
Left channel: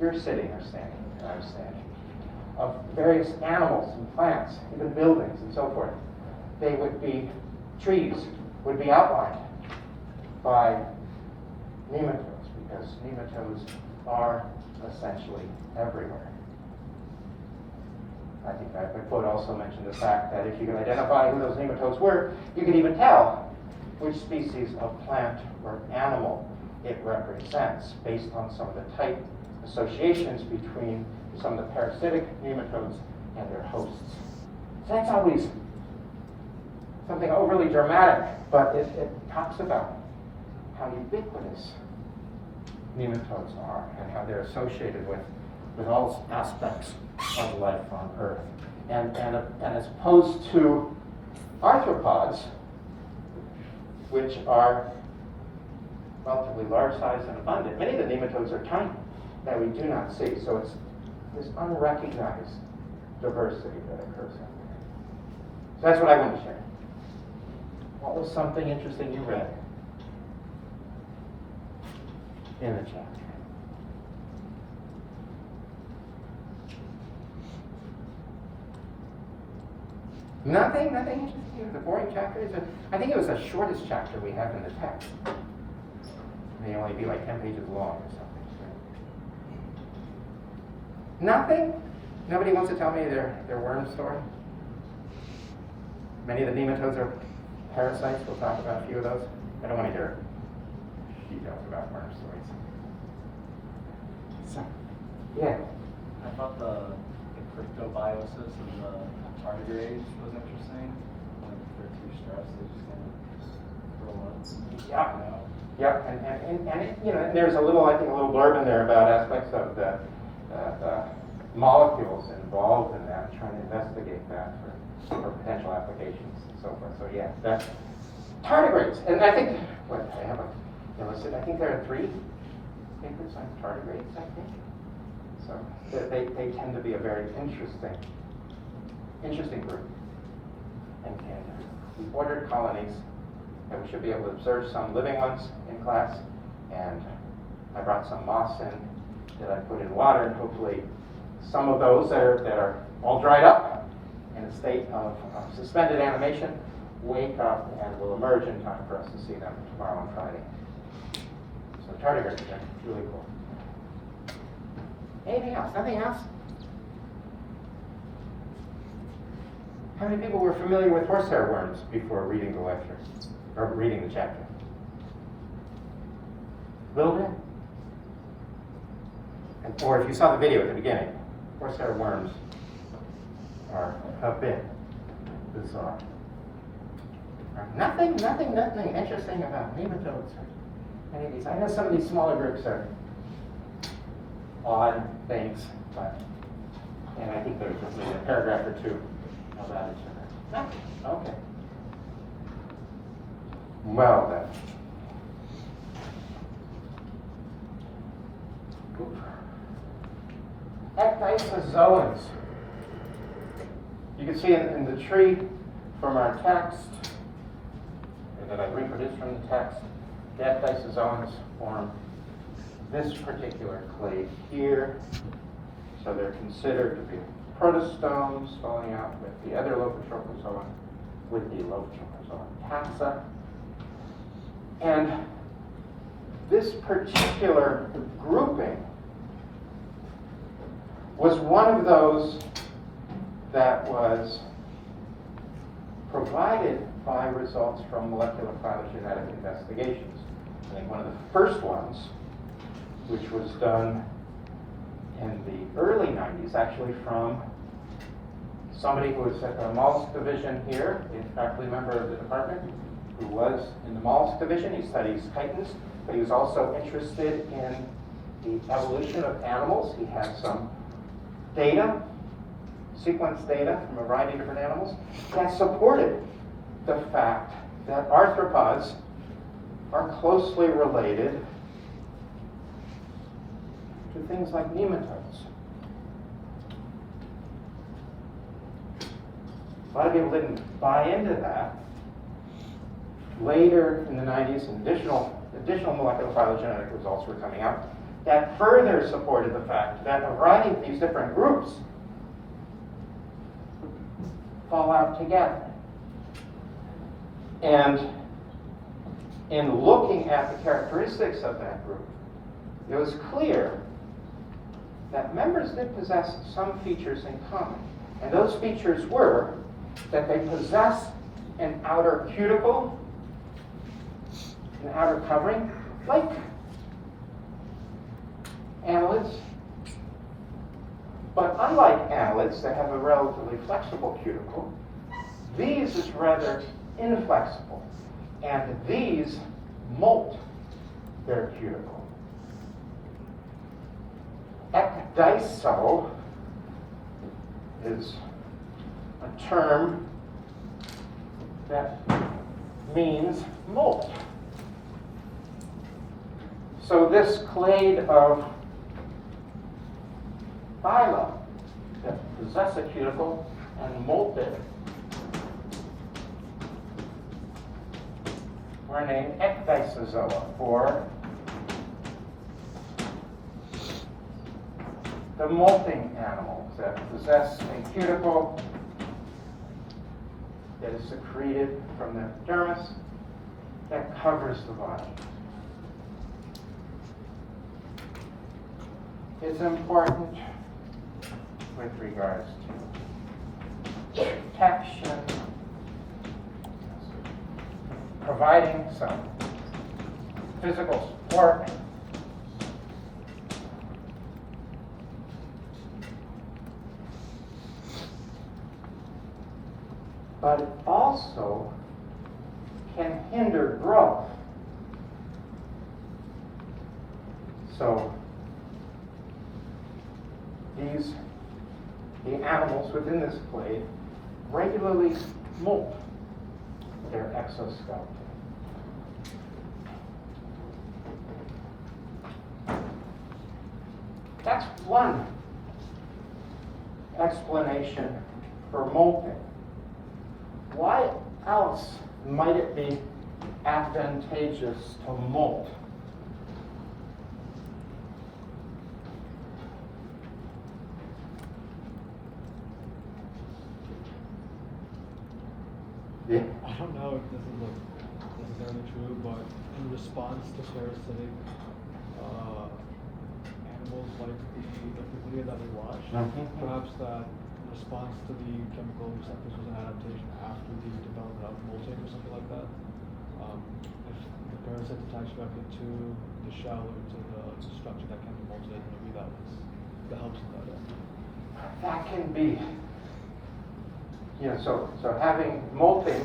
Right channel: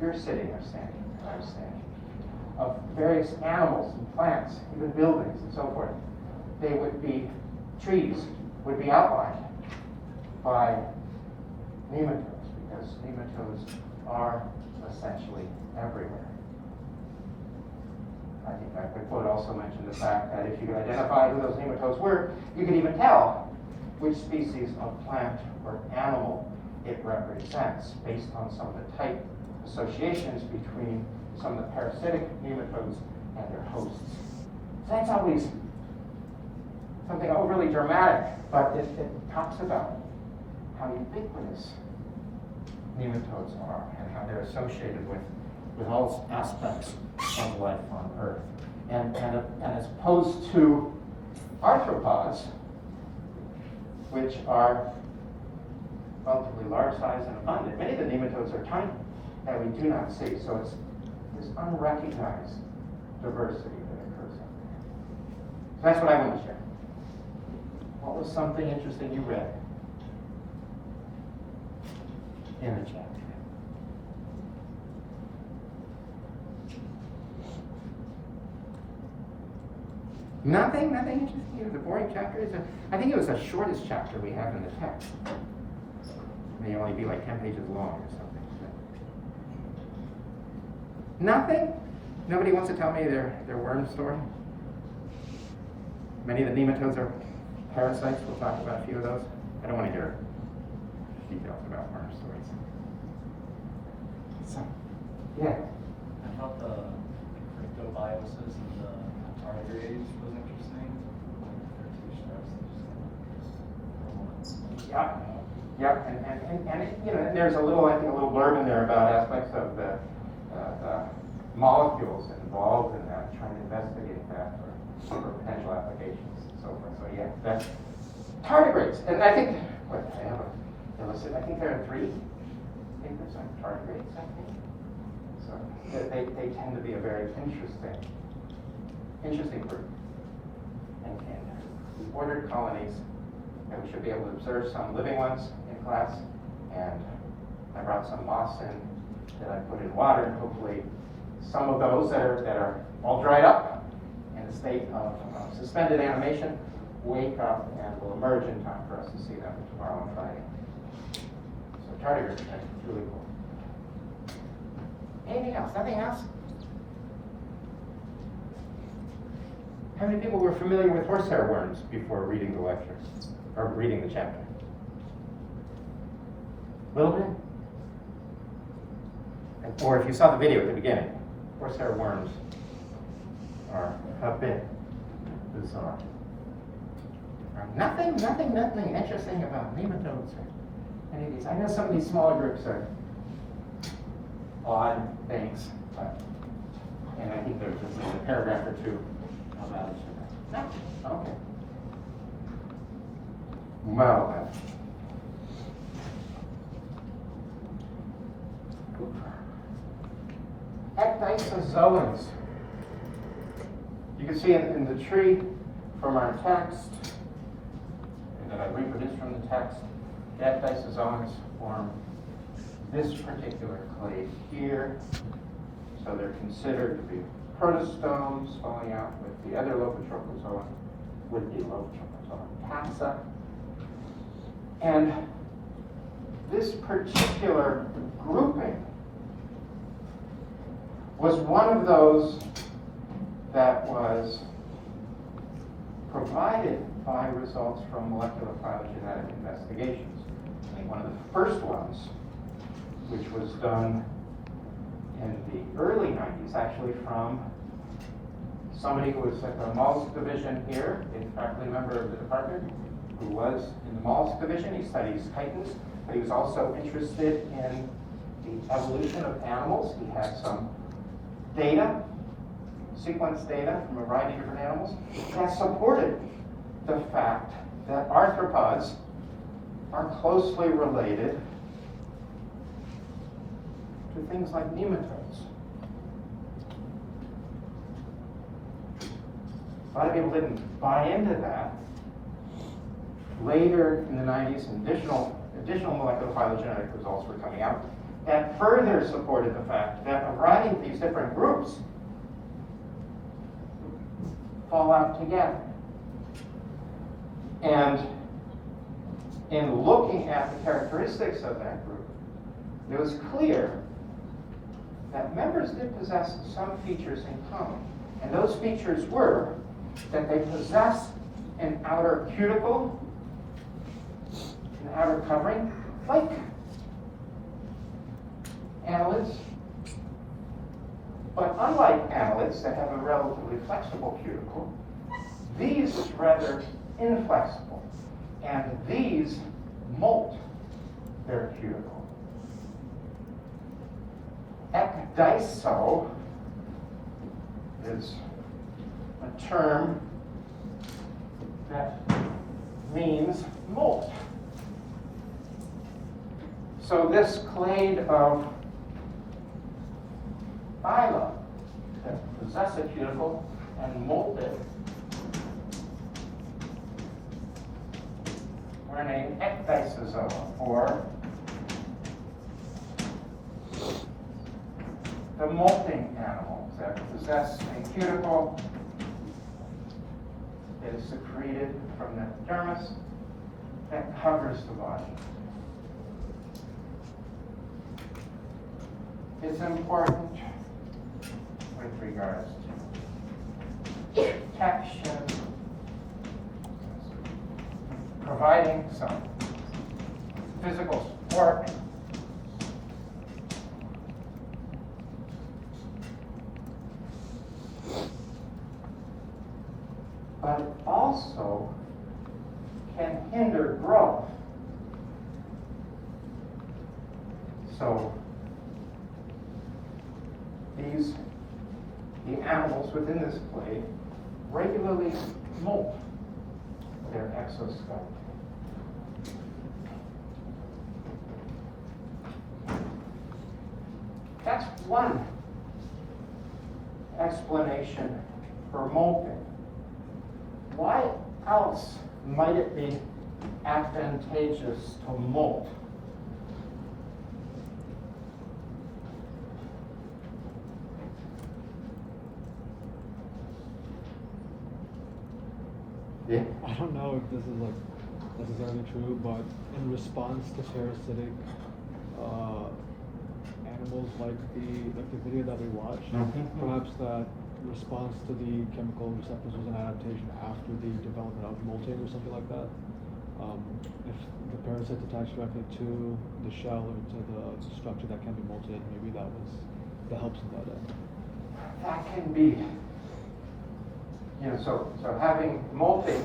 you're sitting or standing, or I'm standing. Of various animals and plants, even buildings and so forth. They would be, trees would be outlined by nematodes, because nematodes are essentially everywhere. I think that the quote also mentioned the fact that if you could identify who those nematodes were, you could even tell which species of plant or animal it represents based on some of the type associations between some of the parasitic nematodes and their hosts. So that's always something overly dramatic, but it talks about how ubiquitous nematodes are and how they're associated with all aspects of life on Earth. And as opposed to arthropods, which are relatively large size and abundant, many of the nematodes are tiny that we do not see. So it's this unrecognized diversity that occurs out there. So that's what I want to share. What was something interesting you read in the chapter? Nothing interesting. It was a boring chapter. I think it was the shortest chapter we have in the text. It may only be like 10 pages long or something. Nothing? Nobody wants to tell me their worm story? Many of the nematodes are parasites. We'll talk about a few of those. I don't want to hear details about worm stories. So, yeah. I thought the cryptobiosis of the tardigrades was interesting. For two stress, Yeah, and it, there's a little blurb in there about aspects of the molecules involved in that, trying to investigate that for potential applications and so forth. So yeah, that's tardigrades. And I think, I have a list. I think there are 3 papers on tardigrades, I think. So they tend to be a very interesting group. And we ordered colonies, and we should be able to observe some living ones in class. And I brought some moss in that I put in water, and hopefully some of those that are all dried up in a state of suspended animation wake up and will emerge in time for us to see them tomorrow on Friday. So tardigrades are really cool. Anything else? Nothing else? How many people were familiar with horsehair worms before reading the lecture, or reading the chapter? A little bit? Or if you saw the video at the beginning, horsehair worms are a bit bizarre. Nothing interesting about nematodes or any of these. I know some of these smaller groups are odd things, but And I think there's just maybe a paragraph or two about each other. Okay. Well then. Ecdysozoans. You can see in the tree from our text, that I reproduced from the text, the ecdysozoans form this particular clade here. So they're considered to be protostomes falling out with the other Lophophorata, with the Lophophorata taxa. And this particular grouping was one of those that was provided by results from molecular phylogenetic investigations. I think one of the first ones, which was done in the early 90s, actually from somebody who was at the mollusk division here, a faculty member of the department, who was in the mollusk division. He studies chitons, but he was also interested in the evolution of animals. He had some data, sequence data from a variety of different animals, that supported the fact that arthropods are closely related to things like nematodes. A lot of people didn't buy into that. Later in the 90s, additional molecular phylogenetic results were coming out that further supported the fact that a variety of these different groups fall out together. And in looking at the characteristics of that group, it was clear that members did possess some features in common. And those features were that they possess an outer cuticle, an outer covering, like annelids. But unlike annelids that have a relatively flexible cuticle, these is rather inflexible. And these molt their cuticle. Ecdyso is a term that means molt. So this clade of phyla that possess a cuticle and molt it were named ecdysozoa, or the molting animals that possess a cuticle that is secreted from the dermis that covers the body. It's important with regards to protection, providing some physical support, but also can hinder growth. So the animals within this clade regularly molt their exoskeleton. That's one explanation for molting. Why else might it be advantageous to molt? Yeah. I don't know if this is necessarily true, but in response to parasitic animals like the video that we watched, perhaps that response to the chemical receptors was an adaptation after the development of molting or something like that. If the parasite attached directly to the shell or to the structure that can be molted, maybe that helps in that end. That can be. So having molting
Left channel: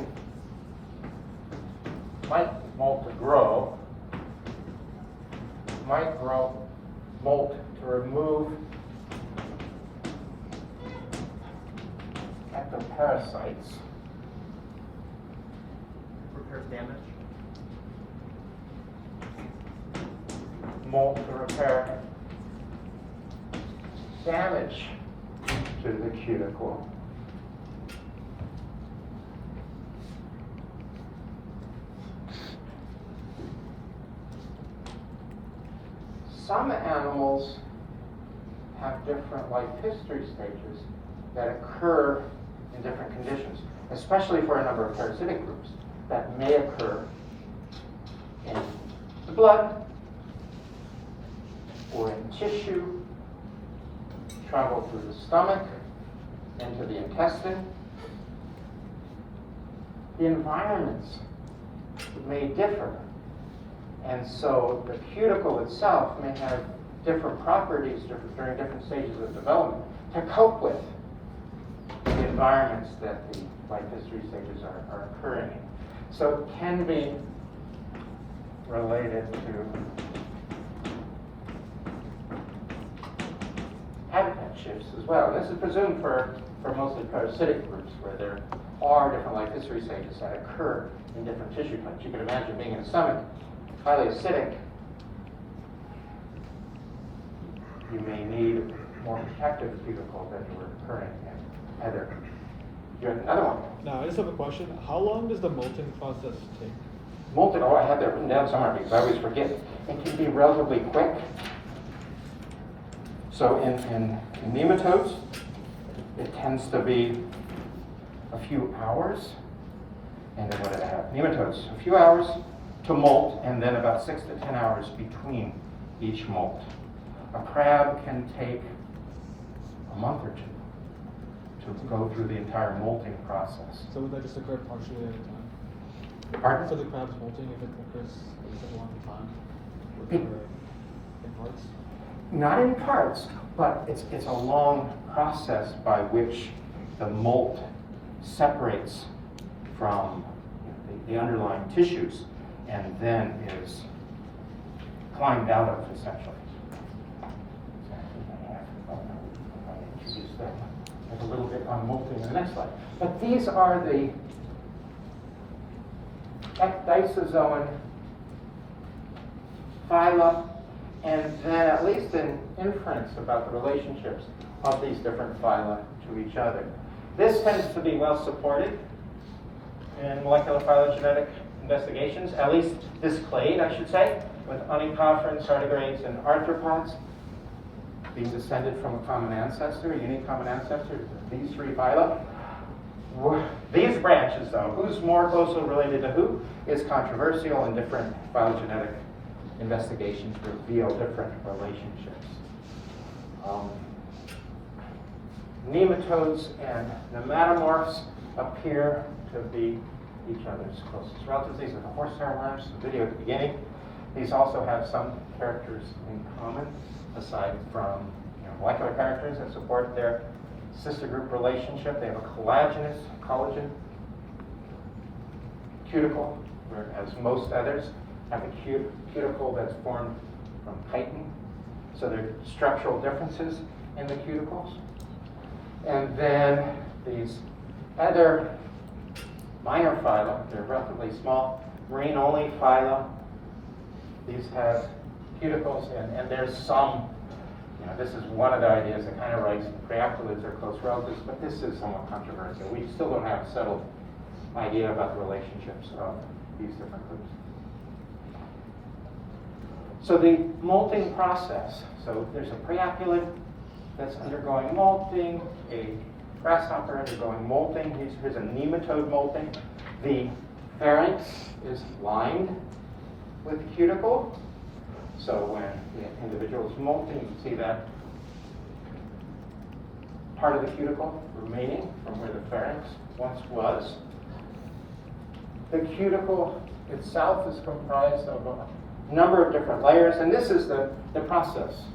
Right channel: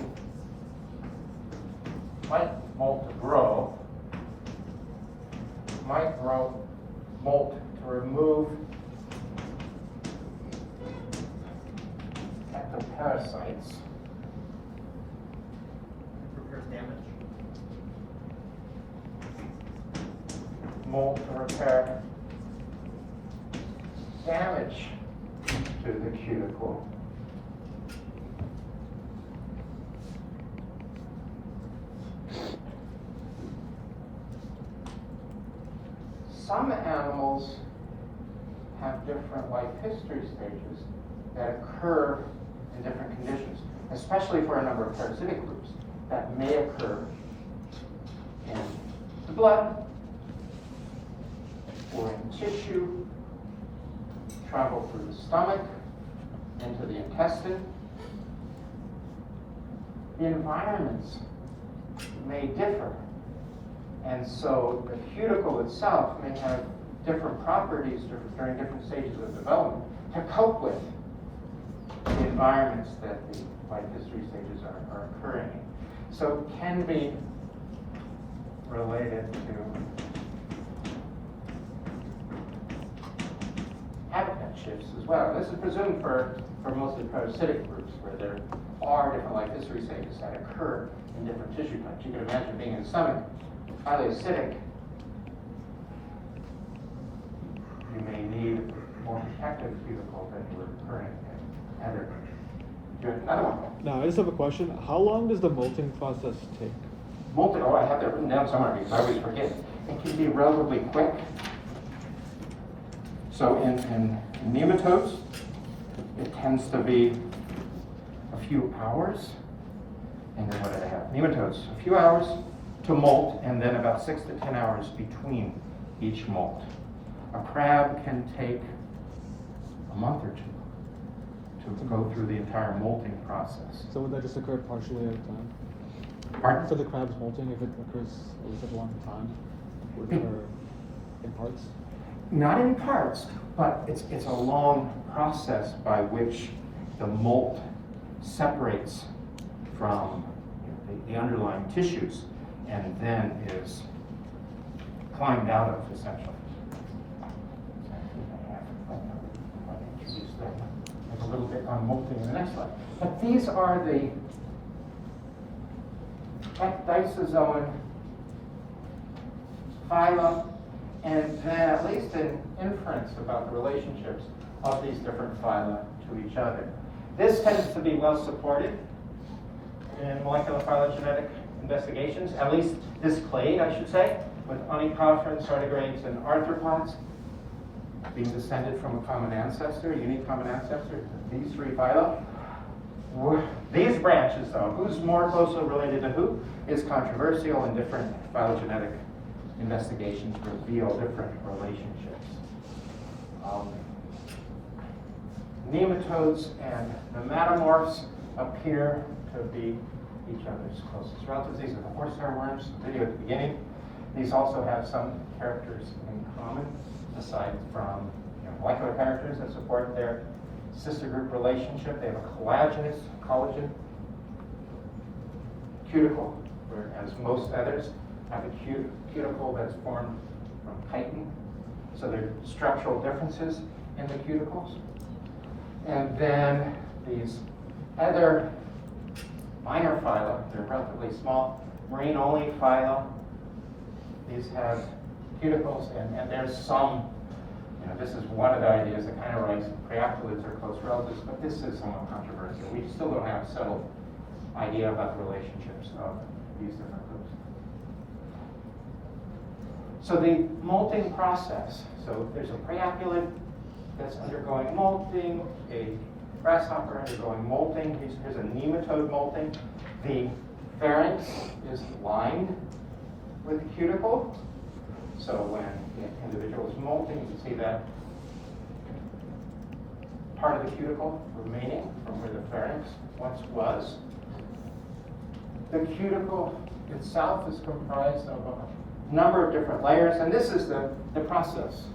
might molt to grow, molt to remove parasites. Repairs damage. Molt to repair damage to the cuticle. Some animals have different life history stages that occur in different conditions, especially for a number of parasitic groups that may occur in the blood or in tissue, travel through the stomach, into the intestine. The environments may differ, and so the cuticle itself may have different properties during different stages of development to cope with the environments that the life history stages are occurring in. So it can be related to habitat shifts as well. And this is presumed for mostly parasitic groups where there are different life history stages that occur in different tissue types. You could imagine being in the stomach, highly acidic. You may need more protective cuticle than you were occurring in other. You have another one. Now, I just have a question. How long does the molting process take? Molting, oh, I have that written down somewhere because I always forget. It can be relatively quick. So in nematodes, it tends to be a few hours. And then what did I have? Nematodes, a few hours to molt, and then about 6 to 10 hours between each molt. A crab can take a month or two to go through the entire molting process. So would that just occur partially at a time? Pardon? So the crab's molting, if it occurs at a long time? In parts? Not in parts, but it's a long process by which the molt separates from the underlying tissues and then is climbed out of, essentially. Just a little bit on molting in the next slide. But these are the ecdysozoan phyla, and then at least an inference about the relationships of these different phyla to each other. This tends to be well supported in molecular phylogenetic investigations, at least this clade, I should say, with onychophorans, tardigrades, and arthropods being descended from a common ancestor, a unique common ancestor to these three phyla. These branches, though, who's more closely related to who, is controversial, and different phylogenetic investigations reveal different relationships. Nematodes and nematomorphs appear to be each other's closest relatives. These are the horsehair worms, the video at the beginning. These also have some characters in common, aside from molecular characters that support their sister group relationship. They have a collagen cuticle, whereas most others have a cuticle that's formed from chitin. So there are structural differences in the cuticles. And then these other minor phyla, they're relatively small, marine-only phyla. These have cuticles, and there's some, this is one of the ideas that kind of writes priaptolids are close relatives, but this is somewhat controversial. We still don't have a settled idea about the relationships of these different groups. So the molting process, so there's a priaptolid that's undergoing molting, a grasshopper undergoing molting. Here's a nematode molting. The pharynx is lined with the cuticle. So when the individual is molting, you can see that part of the cuticle remaining from where the pharynx once was. The cuticle itself is comprised of a number of different layers, and this is the process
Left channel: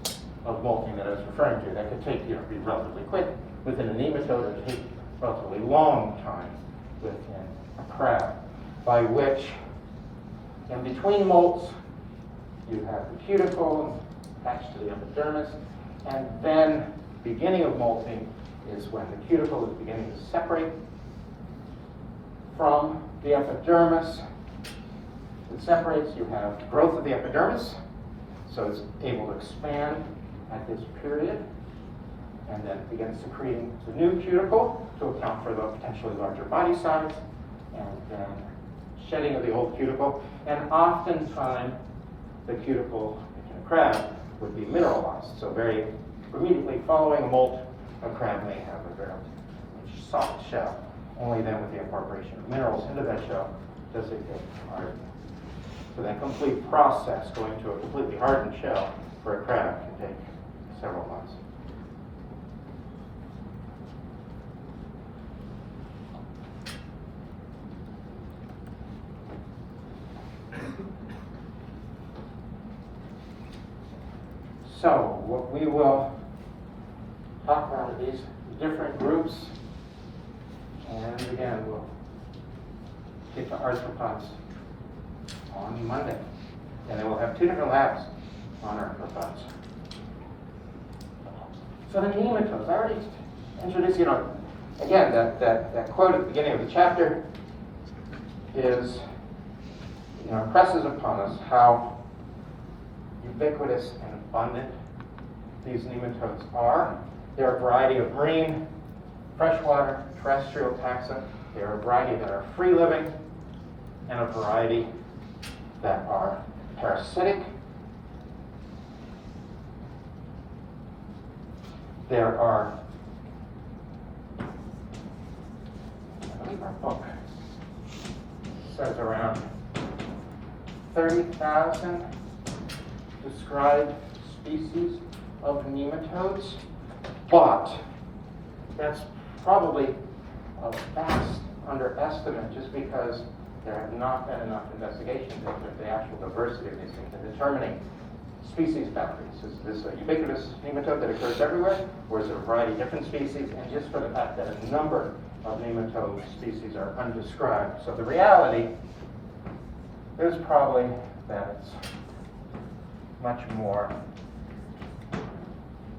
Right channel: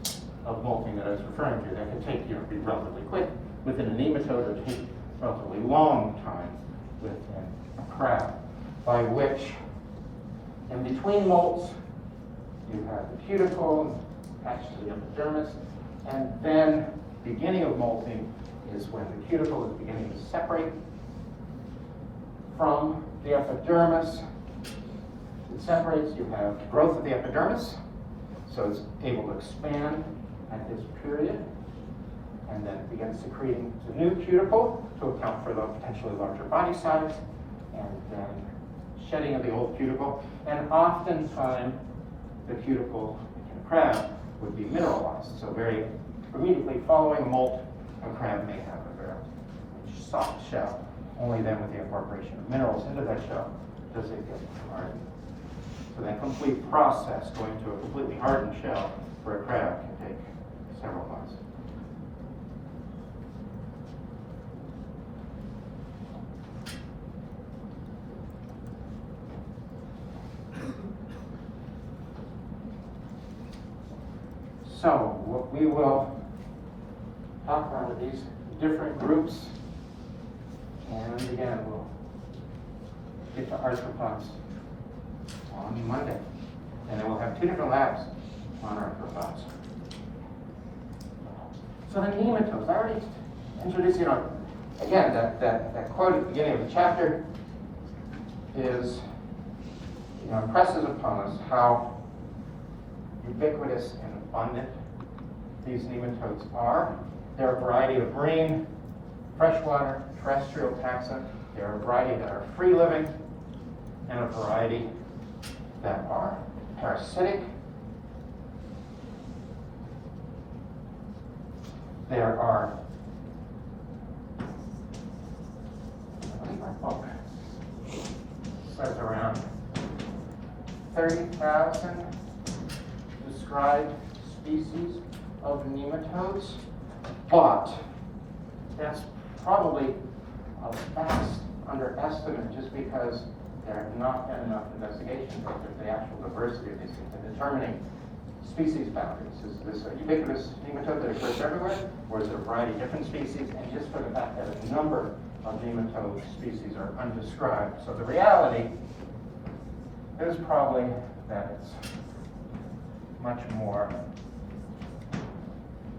of molting that I was referring to. That can take, be relatively quick within a nematode, or take a relatively long time within a crab, by which in between molts you have the cuticle attached to the epidermis, and then beginning of molting is when the cuticle is beginning to separate from the epidermis. It separates, you have growth of the epidermis, so it's able to expand at this period, and then begins secreting the new cuticle to account for the potentially larger body size, and then shedding of the old cuticle, and oftentimes the cuticle in a crab would be mineralized. So very immediately following molt, a crab may have a very soft shell. Only then with the incorporation of minerals into that shell does it get hardened. So that complete process, going to a completely hardened shell for a crab, can take several months. So what we will talk about are these different groups, and again we'll get to arthropods on Monday, and then we'll have 2 different labs on arthropods. So the nematodes, I already introduced, again, that quote at the beginning of the chapter is, impresses upon us how ubiquitous and abundant these nematodes are. There are a variety of marine, freshwater, terrestrial taxa. There are a variety that are free living, and a variety that are parasitic. There are, I believe our book says around 30,000 described species of nematodes, but that's probably a vast underestimate just because there have not been enough investigations into the actual diversity of these things and determining species boundaries. Is this a ubiquitous nematode that occurs everywhere, or is it a variety of different species? And just for the fact that a number of nematode species are undescribed. So the reality is probably that it's much more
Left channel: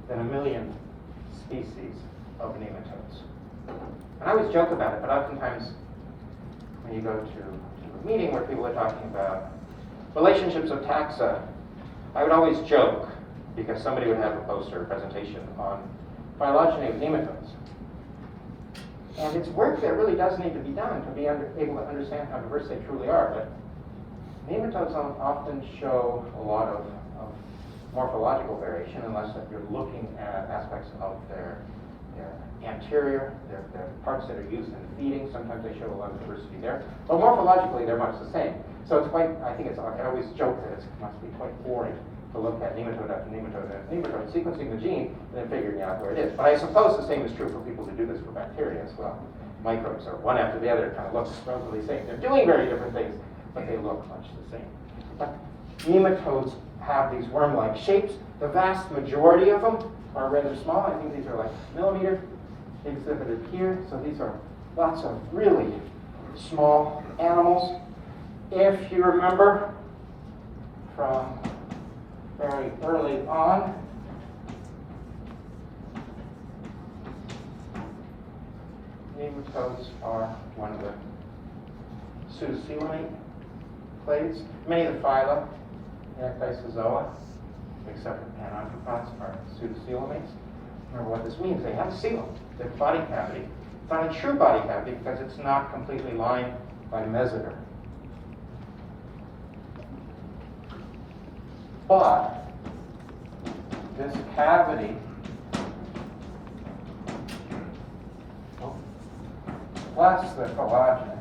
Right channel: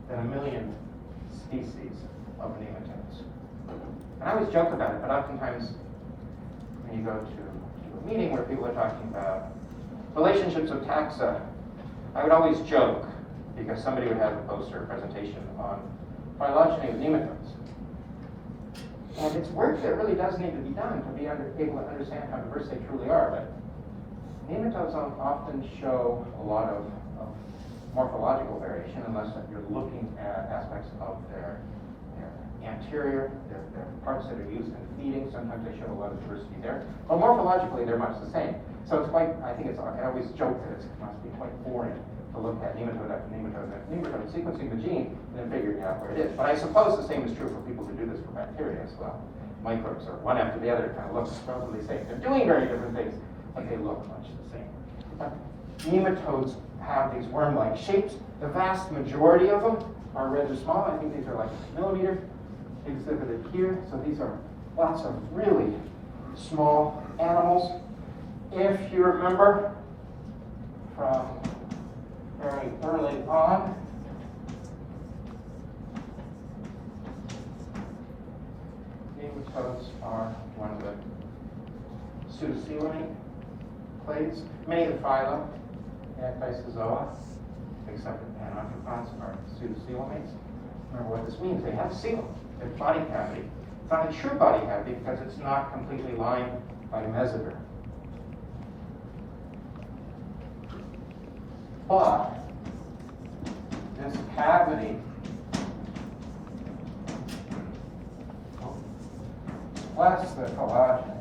than 1 million species of nematodes. And I always joke about it, but oftentimes when you go to a meeting where people are talking about relationships of taxa, I would always joke, because somebody would have a poster or presentation on phylogeny of nematodes. And it's work that really does need to be done to be able to understand how diverse they truly are. But nematodes often show a lot of morphological variation, unless that you're looking at aspects of their anterior, their parts that are used in feeding. Sometimes they show a lot of diversity there. But morphologically, they're much the same. So it's quite, I always joke that it must be quite boring to look at nematode after nematode after nematode, sequencing the gene, and then figuring out where it is. But I suppose the same is true for people who do this for bacteria as well. Microbes are one after the other, kind of looks totally the same. They're doing very different things, but they look much the same. But nematodes have these worm-like shapes. The vast majority of them are rather small. I think these are like a millimeter exhibited here. So these are lots of really small animals. If you remember from very early on, nematodes are one of the pseudocoelomate clades. Many of the phyla in Ecdysozoa, except for panarthropods, are pseudocoelomates. Remember what this means. They have a seal, their body cavity. It's not a true body cavity because it's not completely lined by mesoderm. But this cavity plus the collagen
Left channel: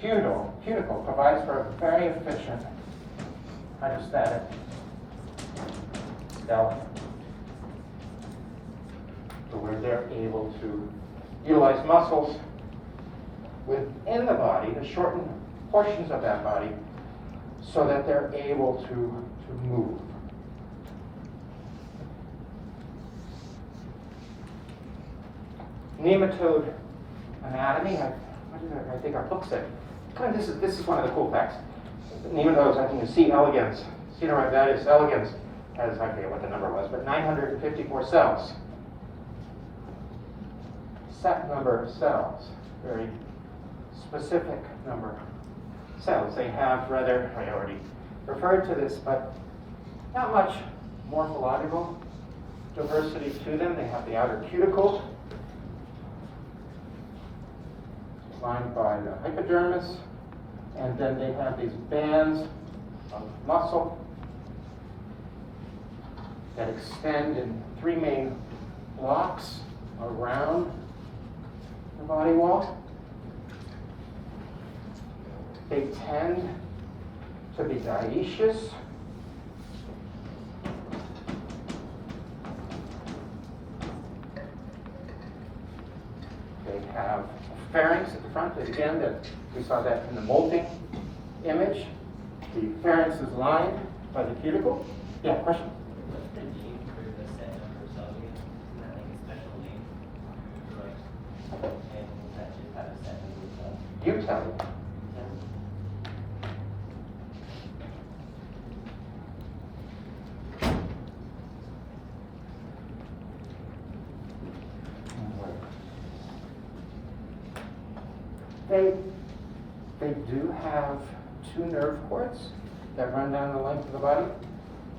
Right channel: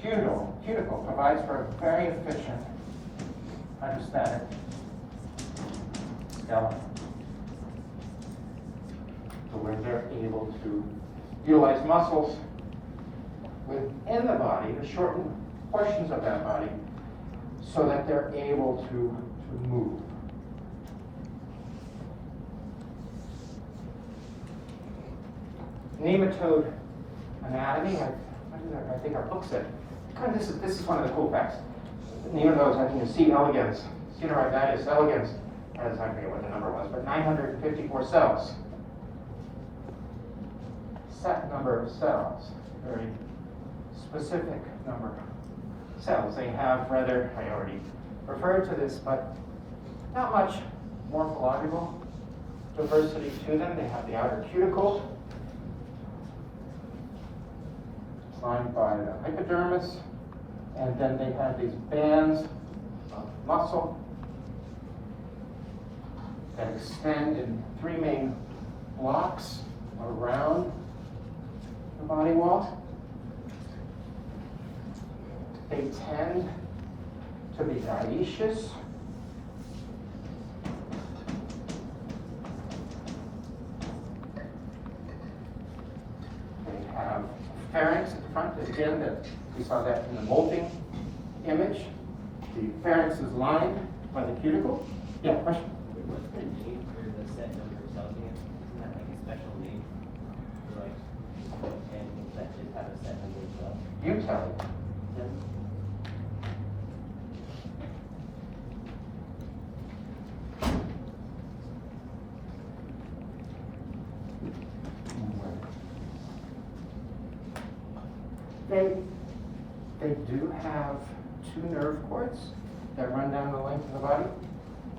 cuticle provides for a very efficient hydrostatic skeleton, so where they're able to utilize muscles within the body to shorten portions of that body so that they're able to move. Nematode anatomy, I think our book said. This is one of the cool facts. Nematodes, I think, is C. elegans. Caenorhabditis elegans has, I forget what the number was, but 954 cells. set number of cells, very specific number of cells. They have rather, I already referred to this, but not much morphological diversity to them. They have the outer cuticle lined by the hypodermis, and then they have these bands of muscle that extend in three main blocks around the body wall. They tend to be dioecious. They have a pharynx at the front, again, that we saw that in the molting image. The pharynx is lined by the cuticle. Yeah, question? What's the name for the set number cell gate? Is that like a special name? For like animals that just have a set number of cells? You tell me. They do have two nerve cords that run down the length of the body.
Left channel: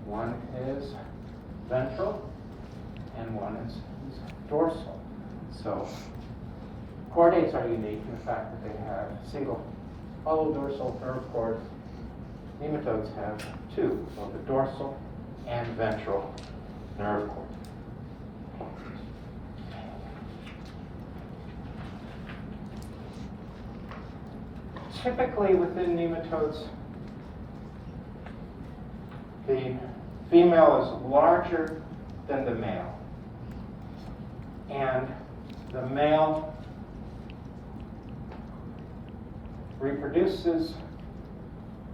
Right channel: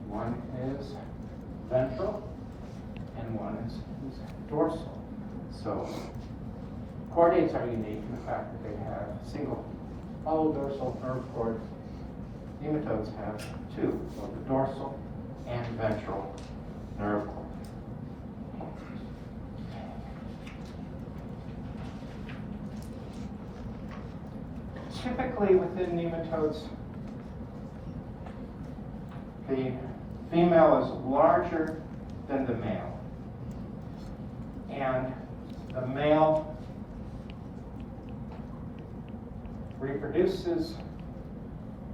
One is ventral and one is dorsal. So chordates are unique in the fact that they have single hollow dorsal nerve cord. Nematodes have two, both the dorsal and ventral nerve cord. Typically within nematodes, the female is larger than the male. And the male reproduces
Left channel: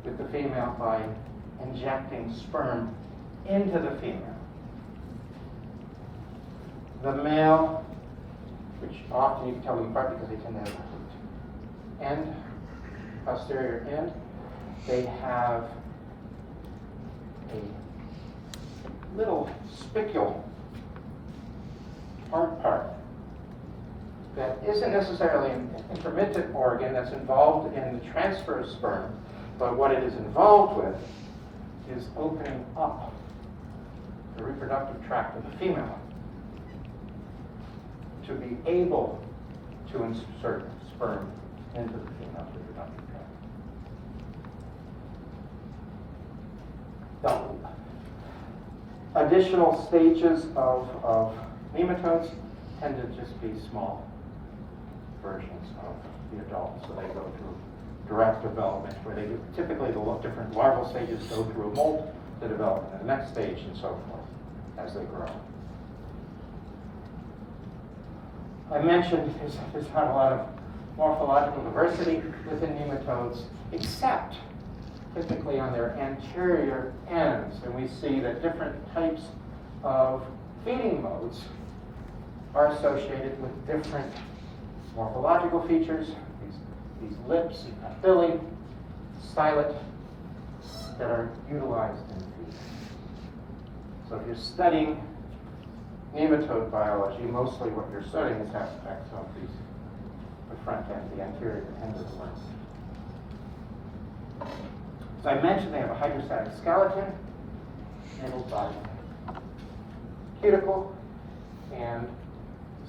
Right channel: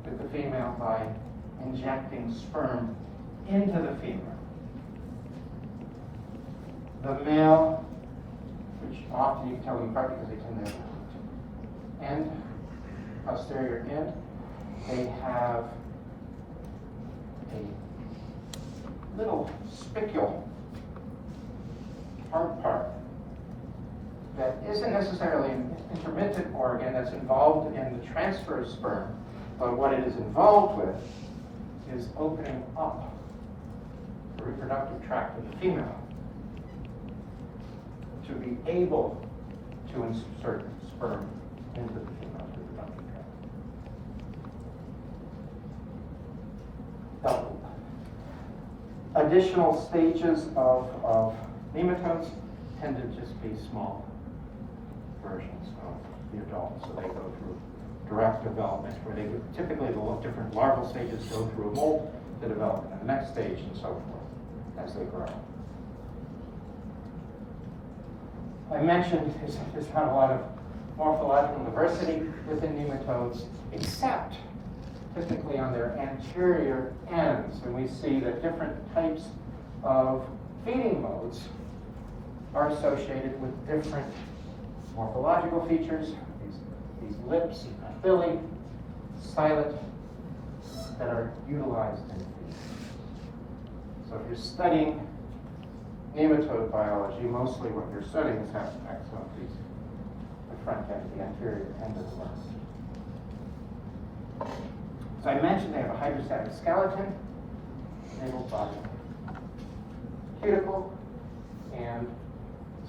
with the female by injecting sperm into the female. The male, which often you can tell them apart because they tend to have end, posterior end, they have a little spicule part that isn't necessarily an intermittent organ that's involved in the transfer of sperm, but what it is involved with is opening up the reproductive tract of the female to be able to insert sperm into the female reproductive tract. Now, additional stages of nematodes tend to just be small versions of the adult. So they go through direct development, where they typically the different larval stages go through a molt to develop in the next stage and so forth as they grow. I mentioned there's not a lot of morphological diversity within nematodes, except typically on their anterior ends. And we see that different types of feeding modes are associated with different morphological features. These lips, papillae, stylet, that are utilized in feeding. So if you're studying nematode biology, mostly what you're studying is aspects of the front end, the anterior end of the lens. So I mentioned they have a hydrostatic skeleton handled by cuticle and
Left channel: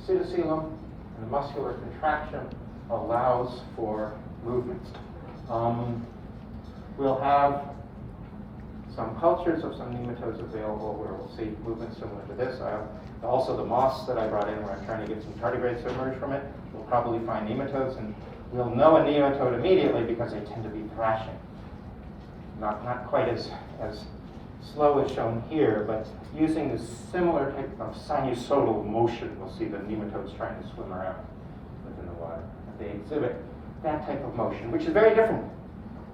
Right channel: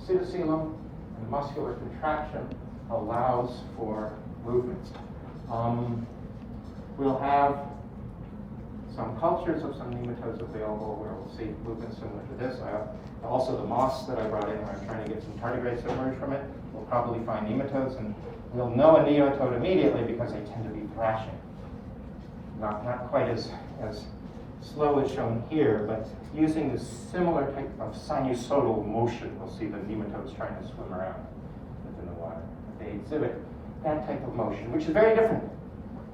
pseudocoelom, and the muscular contraction allows for movement. We'll have some cultures of some nematodes available where we'll see movement similar to this. Also the moss that I brought in, where I'm trying to get some tardigrades to emerge from it, we'll probably find nematodes, and we'll know a nematode immediately because they tend to be thrashing. Not quite as slow as shown here, but using this similar type of sinusoidal motion, we'll see the nematodes trying to swim around within the water. They exhibit that type of motion, which is very different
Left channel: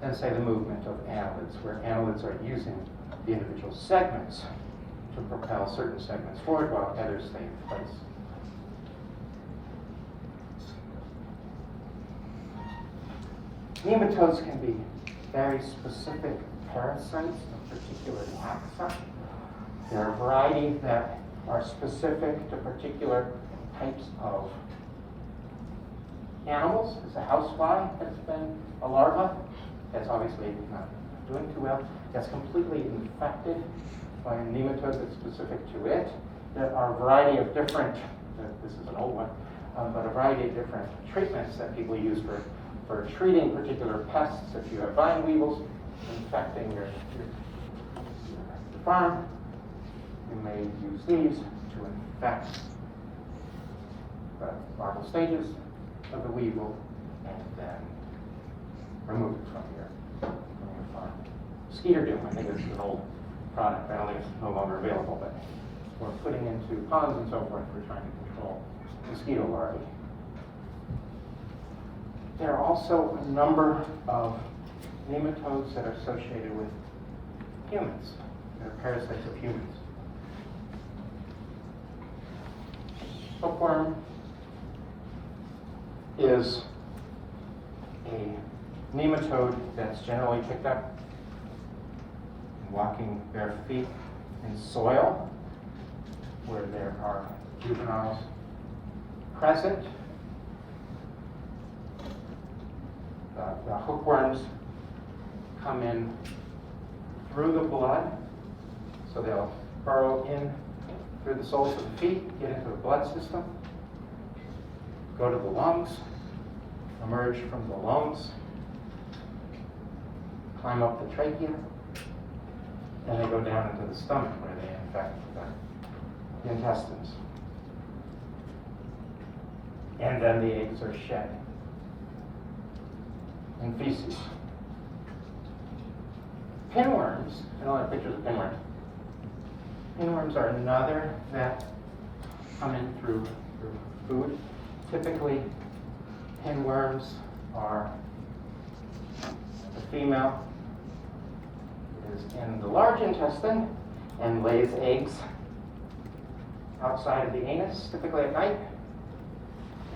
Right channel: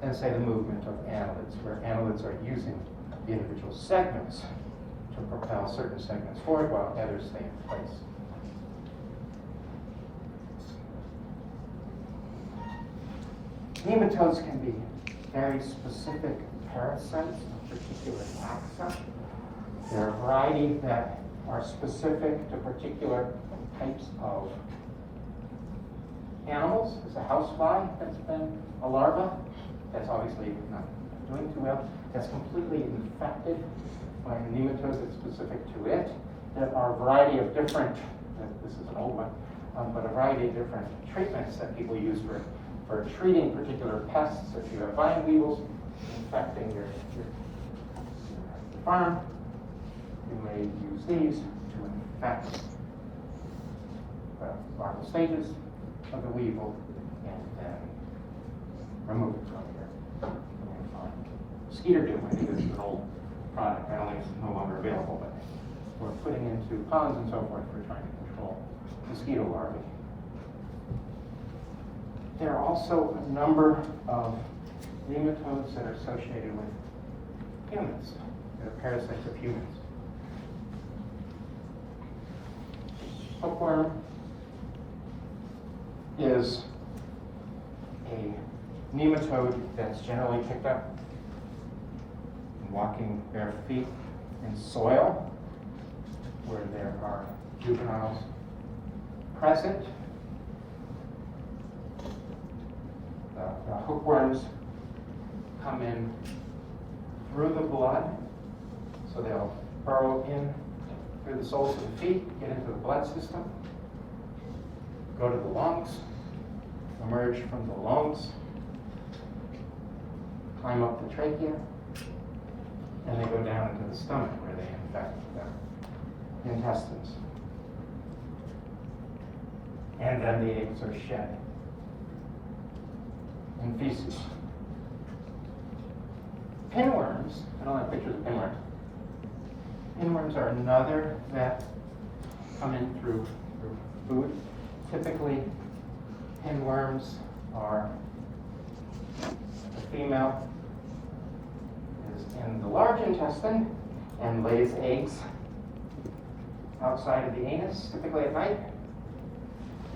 than, say, the movement of annelids, where annelids are using the individual segments to propel certain segments forward while others stay in place. Nematodes can be very specific parasites of particular taxa. There are varieties that are specific to particular types of animals is a housefly that's been a larva. That's obviously not doing too well. That's completely infected by a nematode that's specific to it. There are a variety of different, this is an old one, but a variety of different treatments that people use for treating particular pests. If you have vine weevils infecting your farm, you may use these to infect the larval stages of the weevil and then remove it from your farm. Skeeter doom, I think, is an old product. I don't think it's no longer available, but we're putting into ponds and so forth. We're trying to control mosquito larvae. There are also a number of nematodes that are associated with humans. They're parasites of humans. Hookworm is a nematode that's generally picked up in walking bare feet in soil where there are juveniles present. The hookworms come in through the blood, so they'll burrow in through the soles of the feet, get into the blood system, go to the lungs, emerge from the lungs, climb up the trachea, and they go down into the stomach where they infect the intestines. And then the eggs are shed in feces. Pinworms, I don't have pictures of pinworms. Pinworms are another that come in through food. Typically, pinworms are, the female is in the large intestine and lays eggs outside of the anus, typically at night,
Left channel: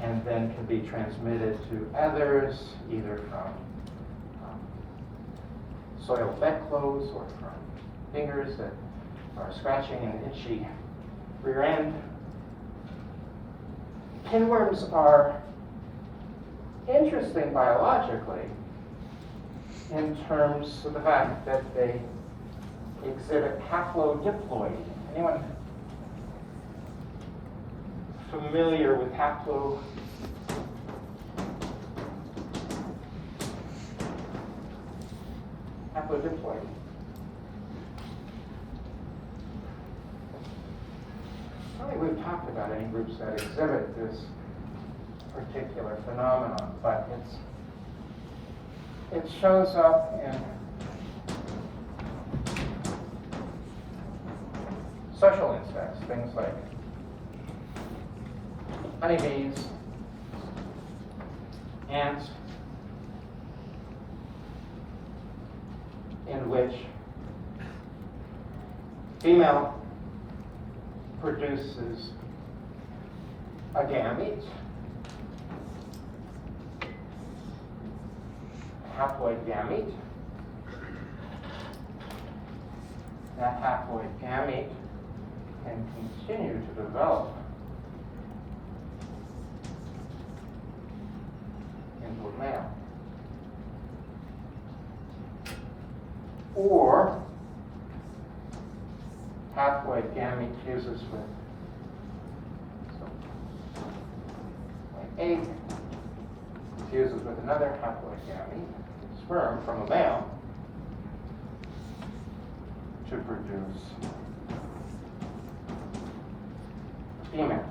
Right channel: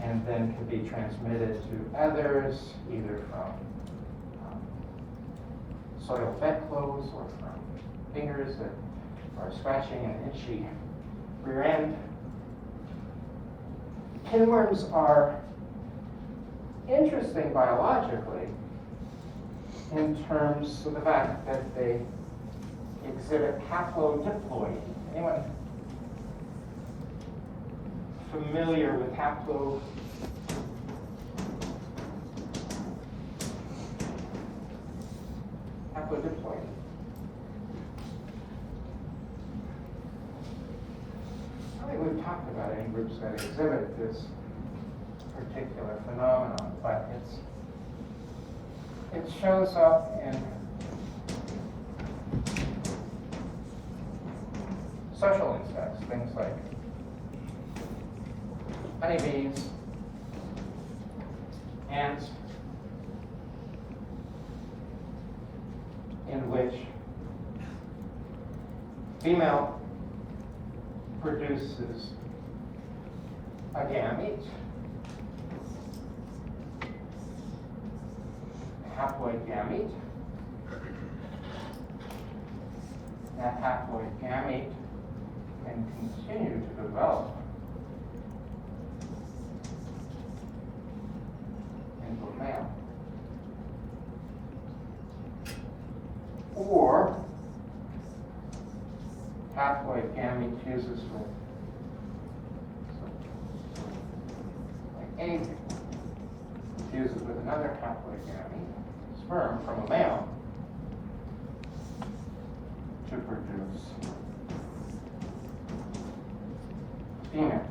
and then can be transmitted to others, either from soiled bedclothes or from fingers that are scratching an itchy rear end. Pinworms are interesting biologically in terms of the fact that they exhibit haplodiploidy. Anyone familiar with haplodiploidy? I don't think we've talked about any groups that exhibit this particular phenomenon, but it shows up in social insects, things like honeybees, ants, in which female produces a gamete, a haploid gamete. That haploid gamete can continue to develop into a male. Or haploid gamete fuses with an egg, fuses with another haploid gamete, sperm from a male, to produce female.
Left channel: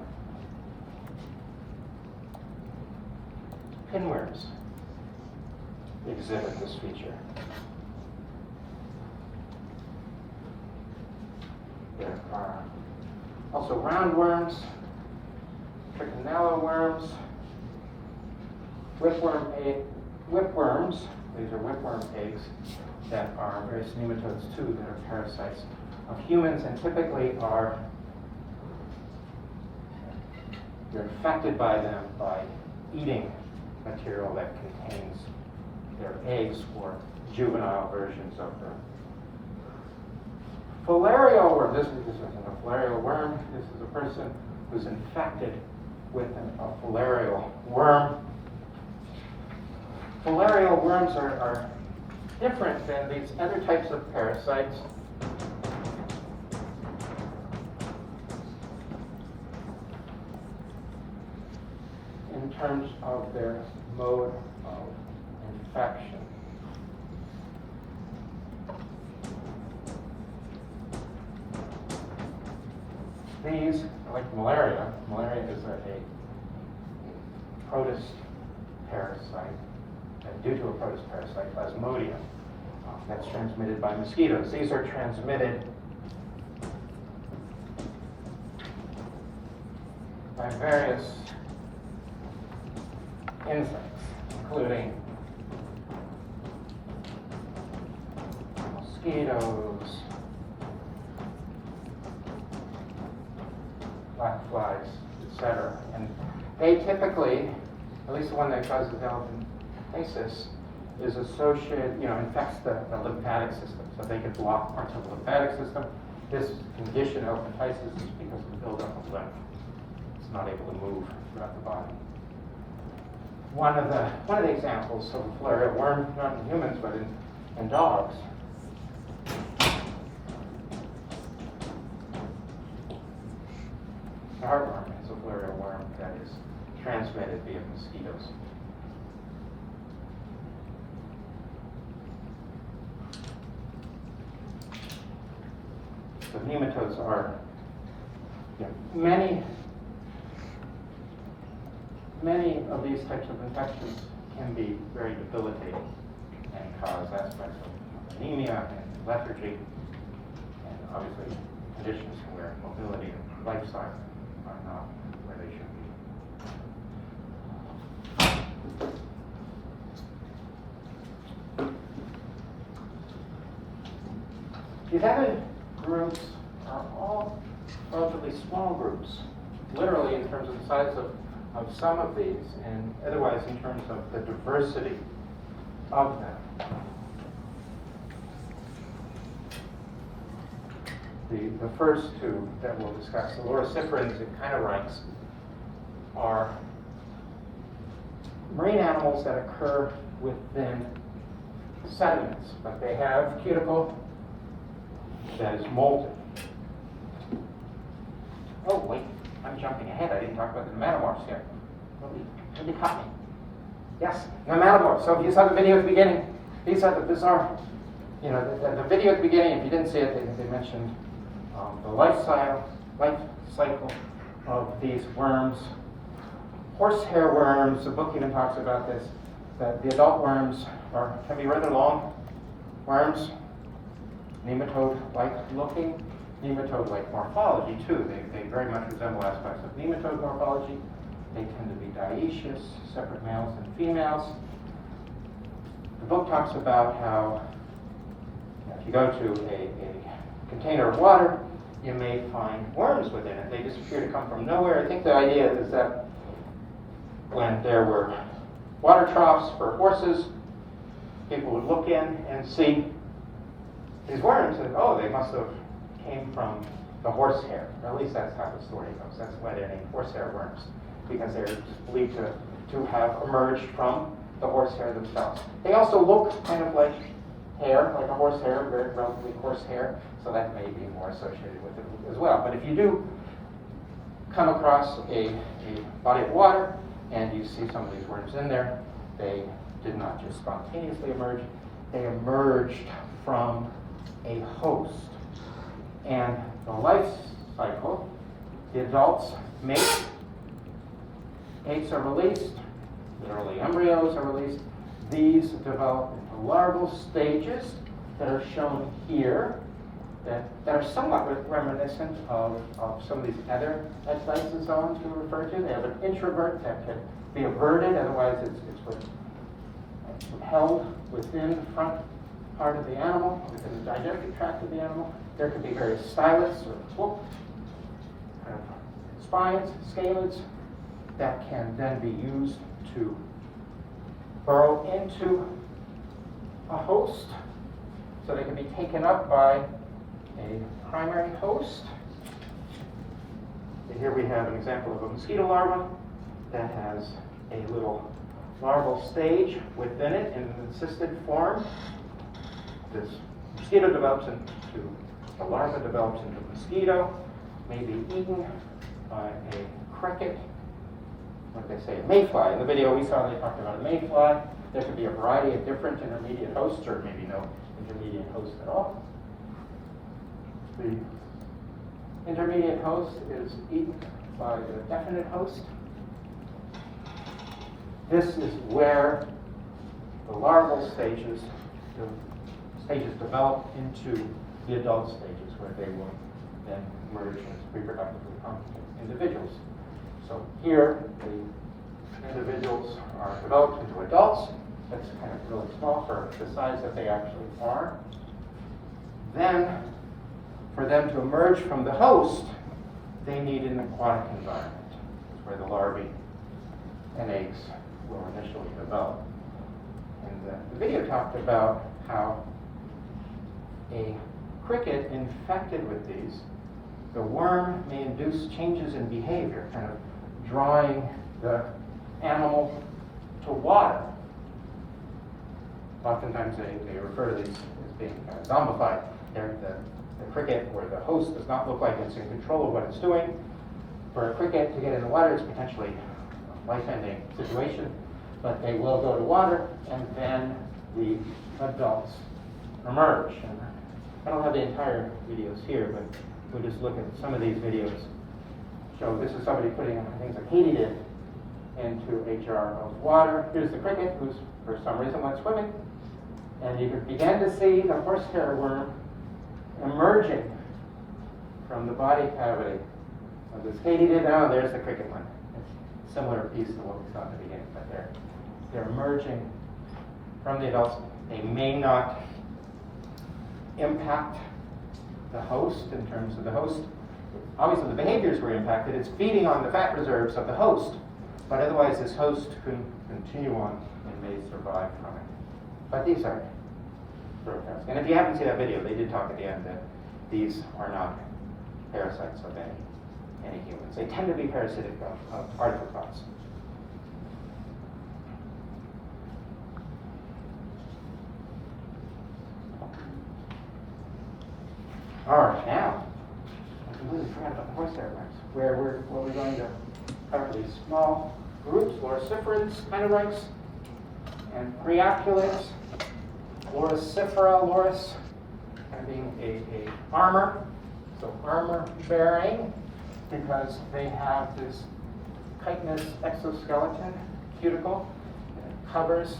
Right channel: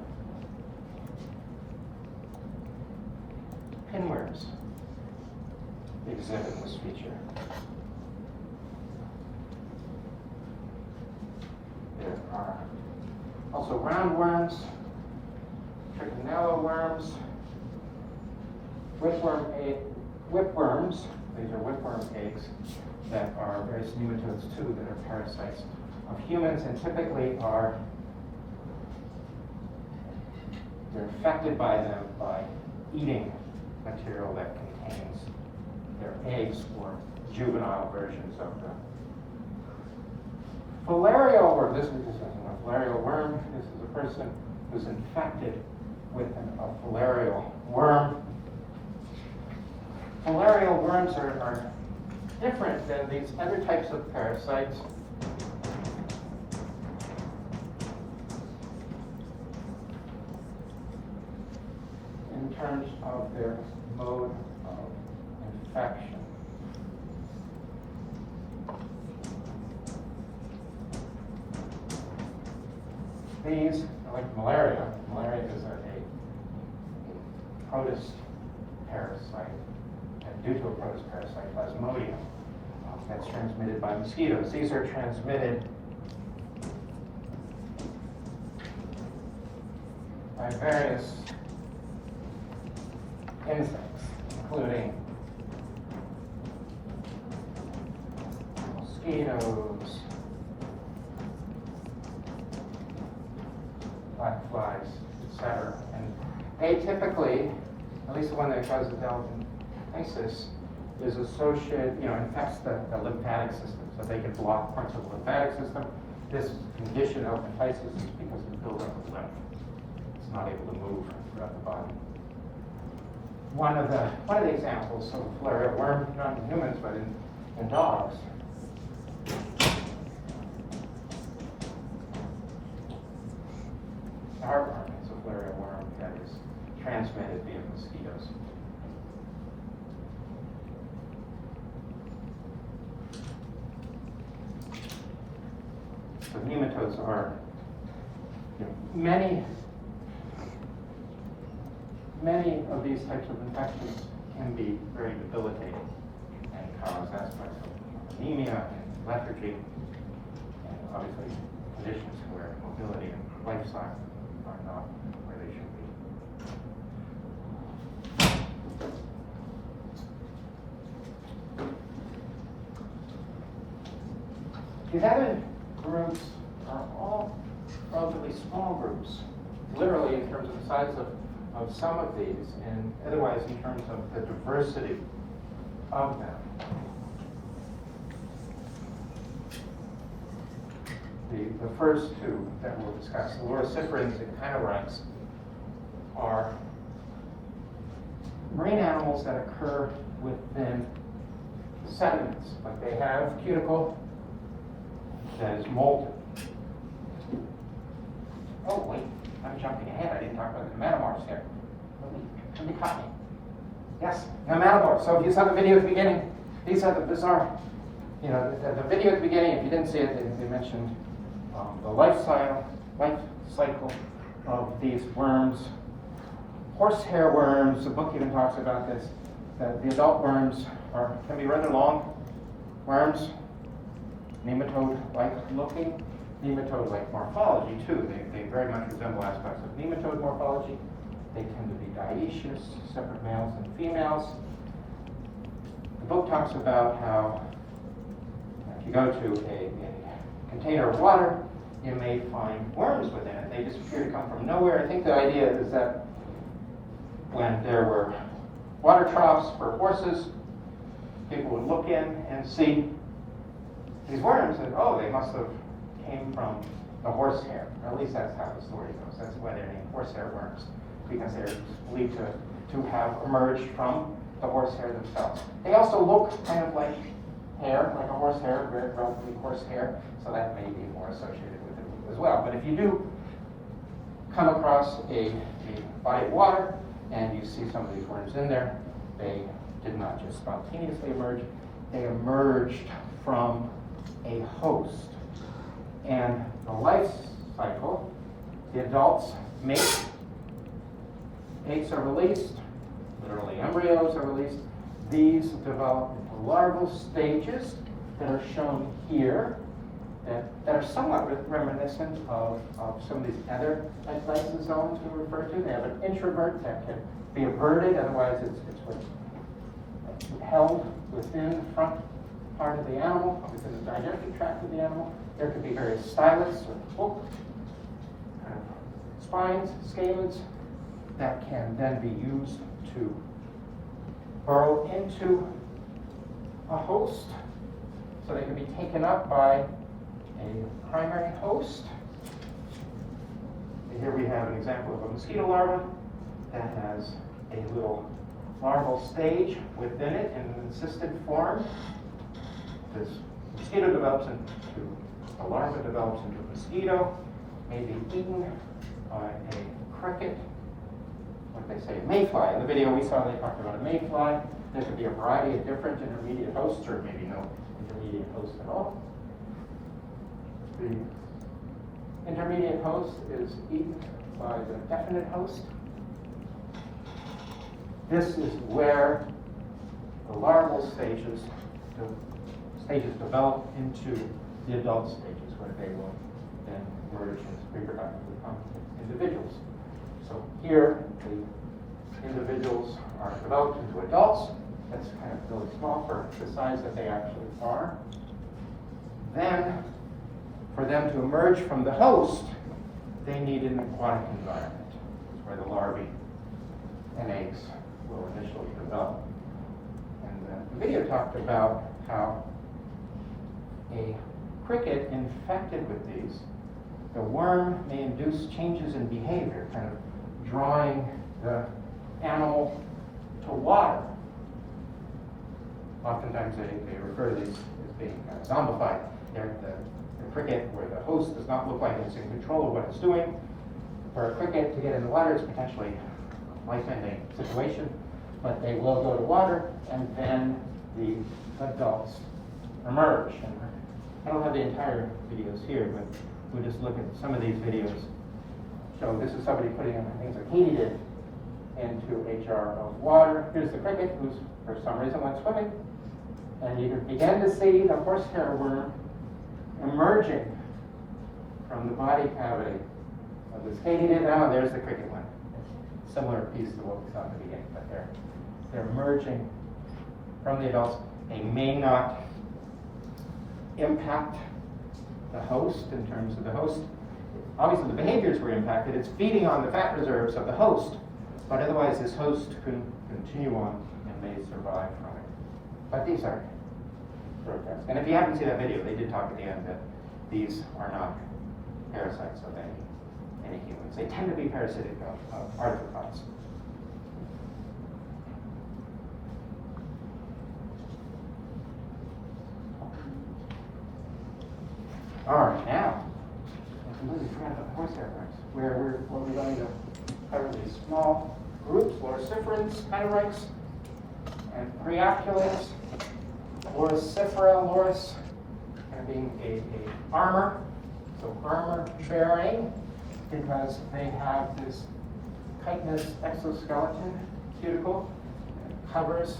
Pinworms exhibit this feature. There are also roundworms, trichinella worms, whipworms. These are whipworm eggs that are various nematodes too, that are parasites of humans, and typically you're infected by them by eating material that contains their eggs or juvenile versions of them. Filarial worm, this isn't a filarial worm, this is a person who's infected with a filarial worm. Filarial worms are different than these other types of parasites. In terms of their mode of infection. These, like malaria is a protist parasite, due to a protist parasite, Plasmodium, that's transmitted by mosquitoes. These are transmitted by various insects, including mosquitoes, black flies, etc. And they typically, at least the one that causes elephantiasis, is associated, infects the lymphatic system. So they can block parts of the lymphatic system. This condition, elephantiasis, is because of the buildup of lymph. It's not able to move throughout the body. One of the examples of a filarial worm, not in humans, but in dogs. The heartworm is a filarial worm that is transmitted via mosquitoes. So nematodes are, many of these types of infections can be very debilitating and cause aspects of anemia and lethargy, and obviously conditions where mobility and lifestyle are not where they should be. The other groups are all relatively small groups, literally in terms of the size of some of these, and otherwise in terms of the diversity of them. The first two that we'll discuss, the loriciferans and chinorhynchs, are marine animals that occur within sediments, but they have cuticle that is molten. Oh, wait, I'm jumping ahead. I didn't talk about the nematomorphs yet. Let me copy. Yes, nematomorphs. So if you saw the video at the beginning, these are the bizarre, the video at the beginning, if you didn't see it, they mentioned the life cycle of these worms. Horsehair worms, the book even talks about this, that the adult worms can be rather long worms, nematode-like looking, nematode-like morphology too. They very much resemble aspects of nematode morphology. They tend to be dioecious, separate males and females. The book talks about how if you go to a container of water, you may find worms within it. They just appear to come from nowhere. I think the idea is that when there were water troughs for horses, people would look in and see these worms and, they must have came from the horsehair. Or at least that's how the story goes. That's why they're named horsehair worms, because they're believed to have emerged from the horsehair themselves. They also look kind of like hair, like a horsehair, very relatively coarse hair, so that may be more associated with it as well. But if you do come across a body of water and you see some of these worms in there, they did not just spontaneously emerge, they emerged from a host. And the life cycle, the adults mate, eggs are released, literally embryos are released. These develop into larval stages that are shown here that are somewhat reminiscent of some of these other lysosomes we refer to. They have an introvert that can be averted, otherwise it's held within the front part of the animal, within the digestive tract of the animal. There could be various stylus or spines, scales that can then be used to burrow into a host, so they can be taken up by a primary host. And here we have an example of a mosquito larva that has a little larval stage within it in an encysted form. This mosquito develops into, the larva develops into a mosquito, may be eaten by a cricket, what did they say, a mayfly. In the video we saw they talked about a mayfly. There could be a variety of different intermediate hosts, or maybe no intermediate host at all. The intermediate host is eaten by the definite host. This is where the larval stages develop into the adult stages, where they will then merge as reproductively harmful individuals. So here, the individuals are developed into adults. That's kind of really small for the size that they actually are. Then, for them to emerge from the host, they need an aquatic environment where the larvae and eggs will initially develop. And the video talked about how a cricket infected with these, the worm may induce changes in behavior, kind of drawing the animal to water. Oftentimes they refer to these as being kind of zombified. They're the cricket, where the host does not look like it's in control of what it's doing. For a cricket to get in the water is potentially a life-ending situation, but they will go to water, and then the adults emerge. And I don't have the entire videos here, but we just look at some of these videos. So this is somebody putting, I think it's a katydid, into a jar of water. Here's the cricket, who's for some reason went swimming, and you can begin to see the horsehair worm emerging from the body cavity of this katydid. Now there's the cricket one. It's a similar piece to what we saw in the beginning, but they're emerging from the adults. They may not impact the host in terms of the host. Obviously the behaviors were impacted. It's feeding on the fat reserves of the host, but otherwise this host can continue on and may survive from it. But these are short terms. And if you haven't seen that video, they did talk at the end that these are not parasites of any humans. They tend to be parasitic of arthropods. All right, now, I completely forgot about the horsehair worms, where we're going to cover these small groups: loriciferans, chinorhynchs, and preoculids. Loricifera loris being a armor, so armor bearing, because they have this chitinous exoskeleton cuticle that covers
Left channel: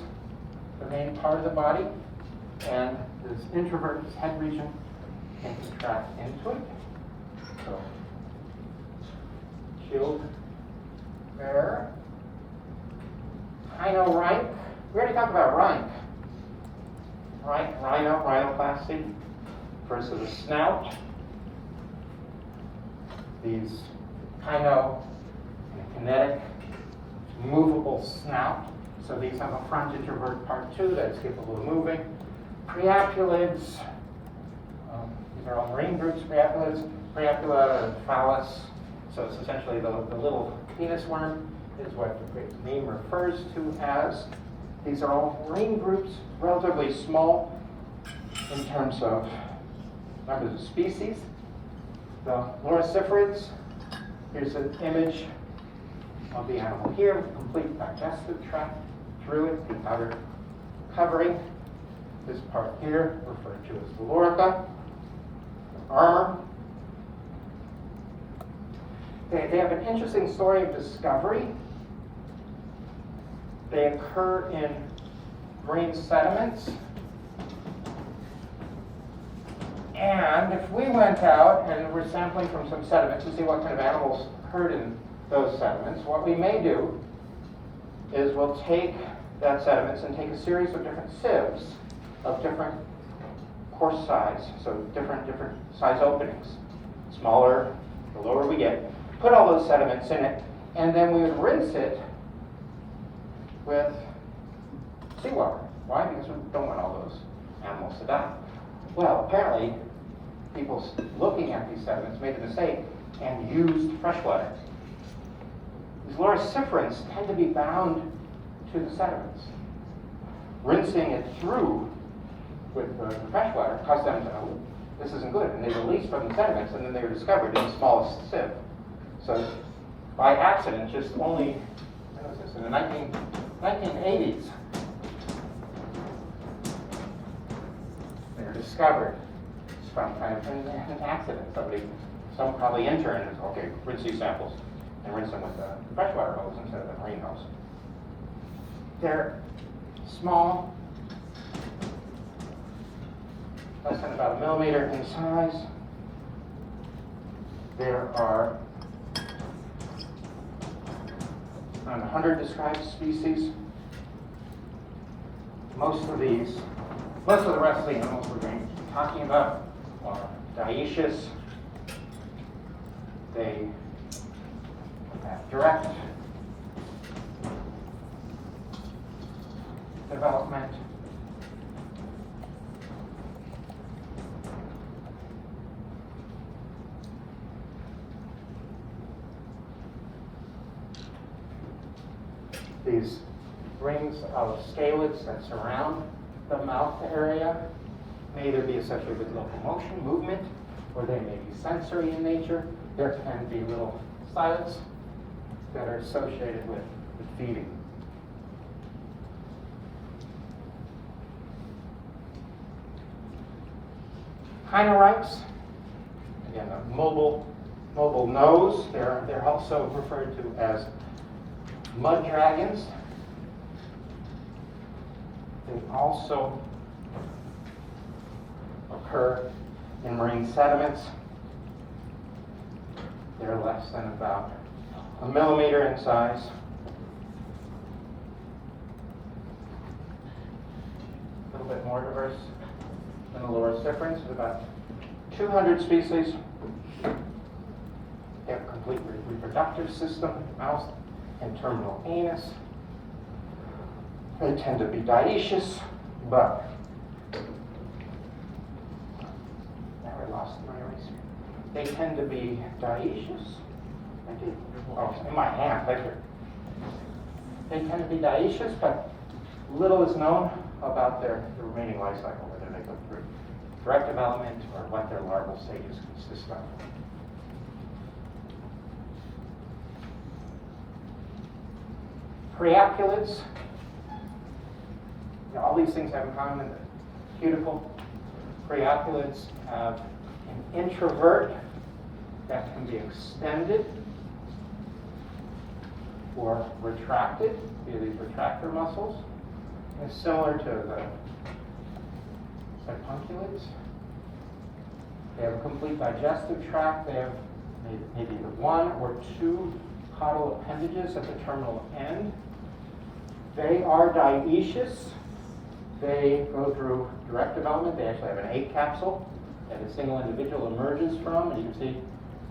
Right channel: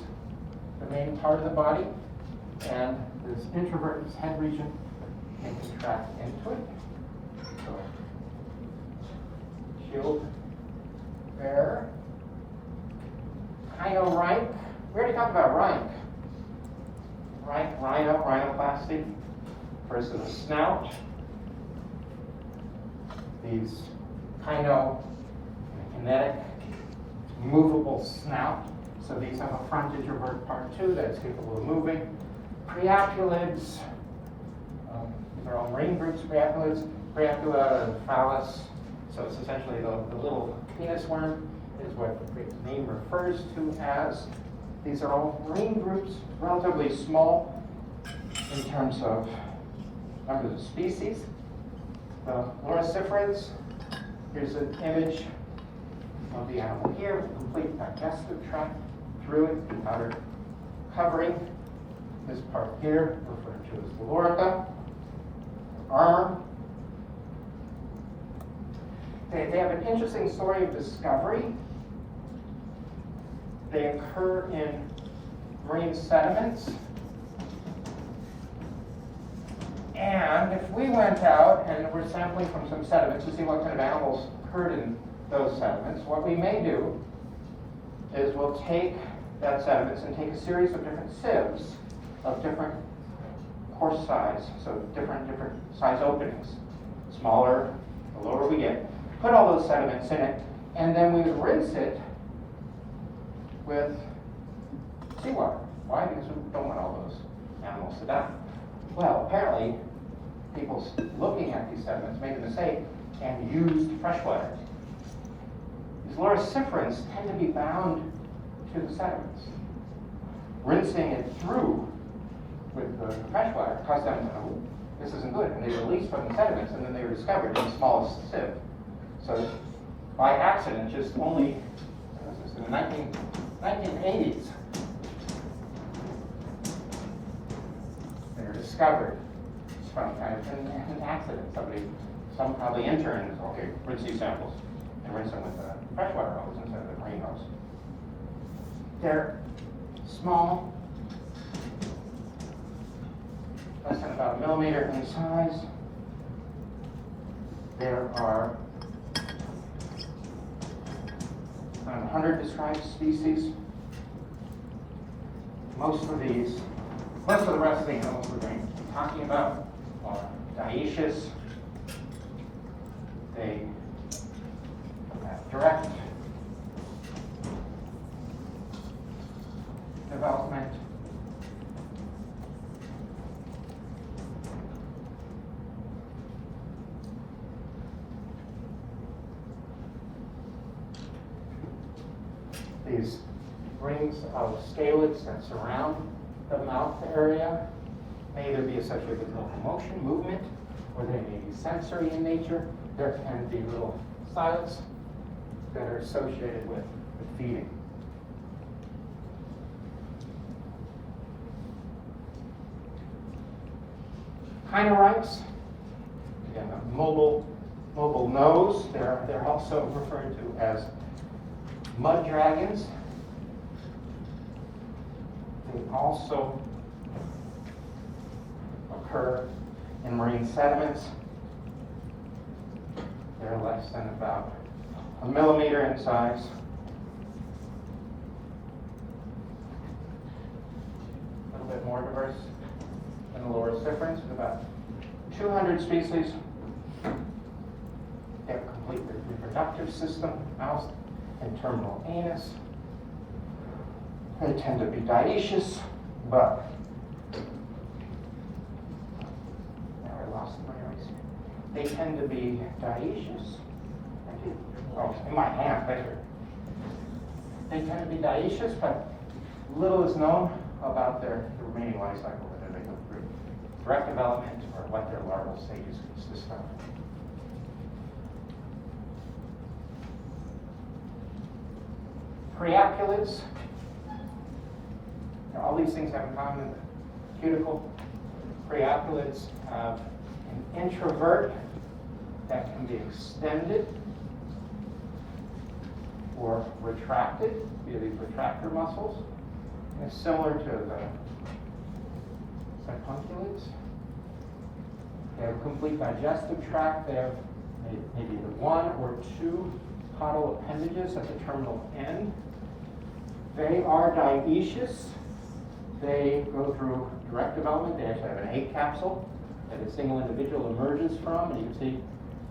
the main part of the body, and this introverted head region can contract into it. So, shield bearer, chinorhynch. We already talked about rhynch. Rhinoplasty versus a snout. These kinetic, movable snout. So these have a front introvert part too that's capable of moving. Preoculids. These are all marine groups. Preocula phallus. So it's essentially the little penis worm is what the name refers to as. These are all marine groups, relatively small in terms of numbers of species. The loriciferids, here's an image of the animal here with a complete digestive tract through it, the outer covering. This part here referred to as the lorica, armor. They have an interesting story of discovery. They occur in marine sediments. And if we went out and we're sampling from some sediments to see what kind of animals occurred in those sediments, what we may do is we'll take that sediments and take a series of different sieves of different pore size, so different size openings. Smaller, the lower we get. Put all those sediments in it, and then we would rinse it with seawater. Why? Because we don't want all those animals to die. Well, apparently, people looking at these sediments made the mistake and used fresh water. These loriciferans tend to be bound to the sediments. Rinsing it through with the fresh water caused them to, oh, this isn't good, and they released from the sediments, and then they were discovered in the smallest sieve. So by accident, just only, when was this, in the 1980s, they were discovered from kind of an accident. Some probably intern, okay, rinse these samples and rinse them with the freshwater hose instead of the marine hose. They're small, less than about a millimeter in size. There are around 100 described species. Most of the rest of the animals we're going to be talking about are dioecious. They have direct development. These rings of scalets that surround the mouth area may either be associated with locomotion, movement, or they may be sensory in nature. There can be little sides that are associated with feeding. Chinorhynchs, again, a mobile nose. They're also referred to as mud dragons. They also occur in marine sediments. They're less than about a millimeter in size. A little bit more diverse than the Loriciferans, about 200 species. They have a complete reproductive system, mouth and terminal anus. They tend to be dioecious, but now I lost my words. They tend to be dioecious. Oh, in my hand, there. They tend to be dioecious, but little is known about their remaining life cycle, whether they go through direct development or what their larval stages consist of. Priapulids. All these things have in common in the cuticle. Priapulids have an introvert that can be extended or retracted via these retractor muscles. And similar to the siphunculids. They have a complete digestive tract. They have maybe either one or two caudal appendages at the terminal end. They are dioecious. They go through direct development. They actually have an egg capsule that a single individual emerges from, and you can see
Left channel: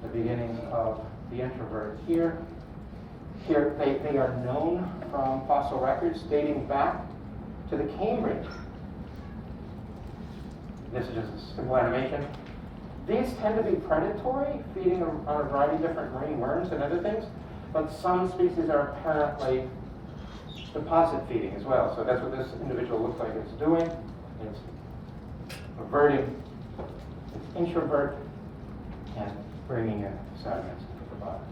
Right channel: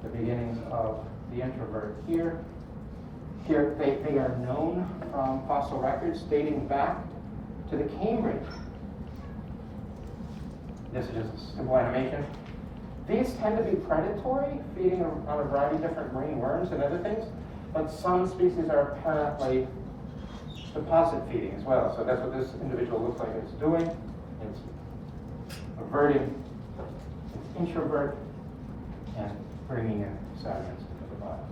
the beginnings of the introvert here. Here, they are known from fossil records dating back to the Cambrian. This is just a simple animation. These tend to be predatory, feeding on a variety of different marine worms and other things, but some species are apparently deposit feeding as well. So that's what this individual looks like it's doing. It's averting, it's introvert, and bringing in sediments into the body.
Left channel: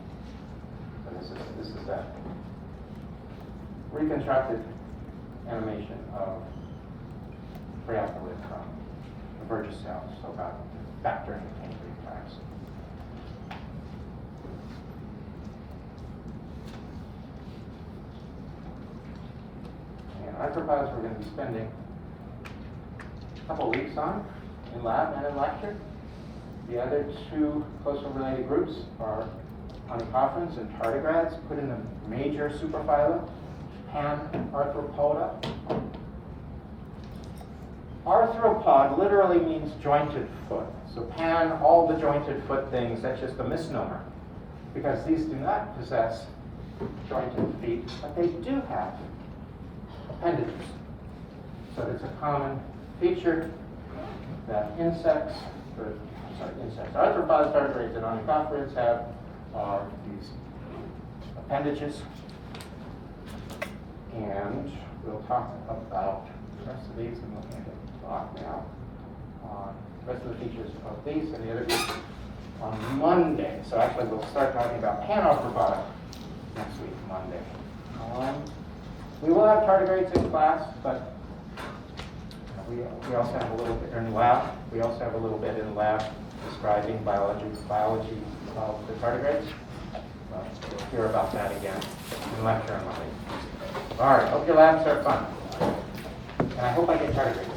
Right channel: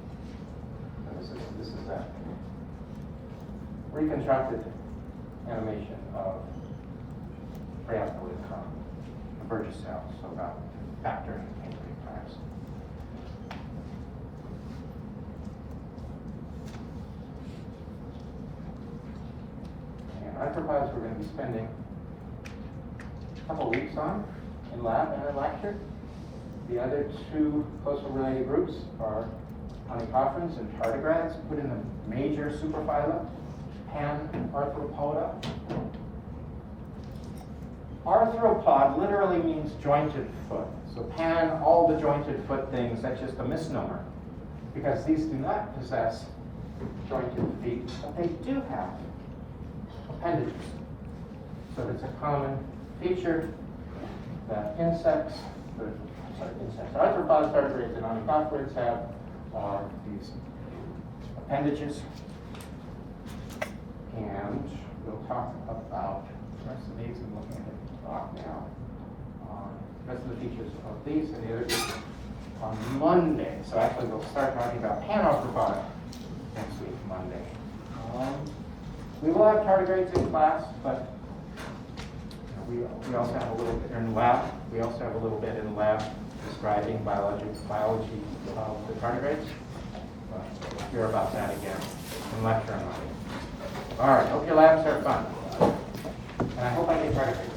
So this is a reconstructed animation of priapulid from the Burgess cells, so back during the Cambrian times. Arthropods we're going to be spending a couple weeks on in lab and in lecture. The other two closely related groups are onychophorans and tardigrades, put in the major superphyla, Panarthropoda. Arthropod literally means jointed foot. So pan, all the jointed foot things, that's just a misnomer. Because these do not possess jointed feet, but they do have appendages. So it's a common feature that arthropods, tardigrades, and onychophorids have are these appendages. and we'll talk about the rest of these, and we'll hand it off now. The rest of the features of these and the other groups on Monday. So actually, we'll start talking about Lophophorata next week, Monday. We will have tardigrades in class, but we also have a little bit in lab. We also have a little bit in lab describing biology of the tardigrades. So we'll hear about that again in lecture on Monday. All right, hope your labs are fun. And I hope I get tardigrades.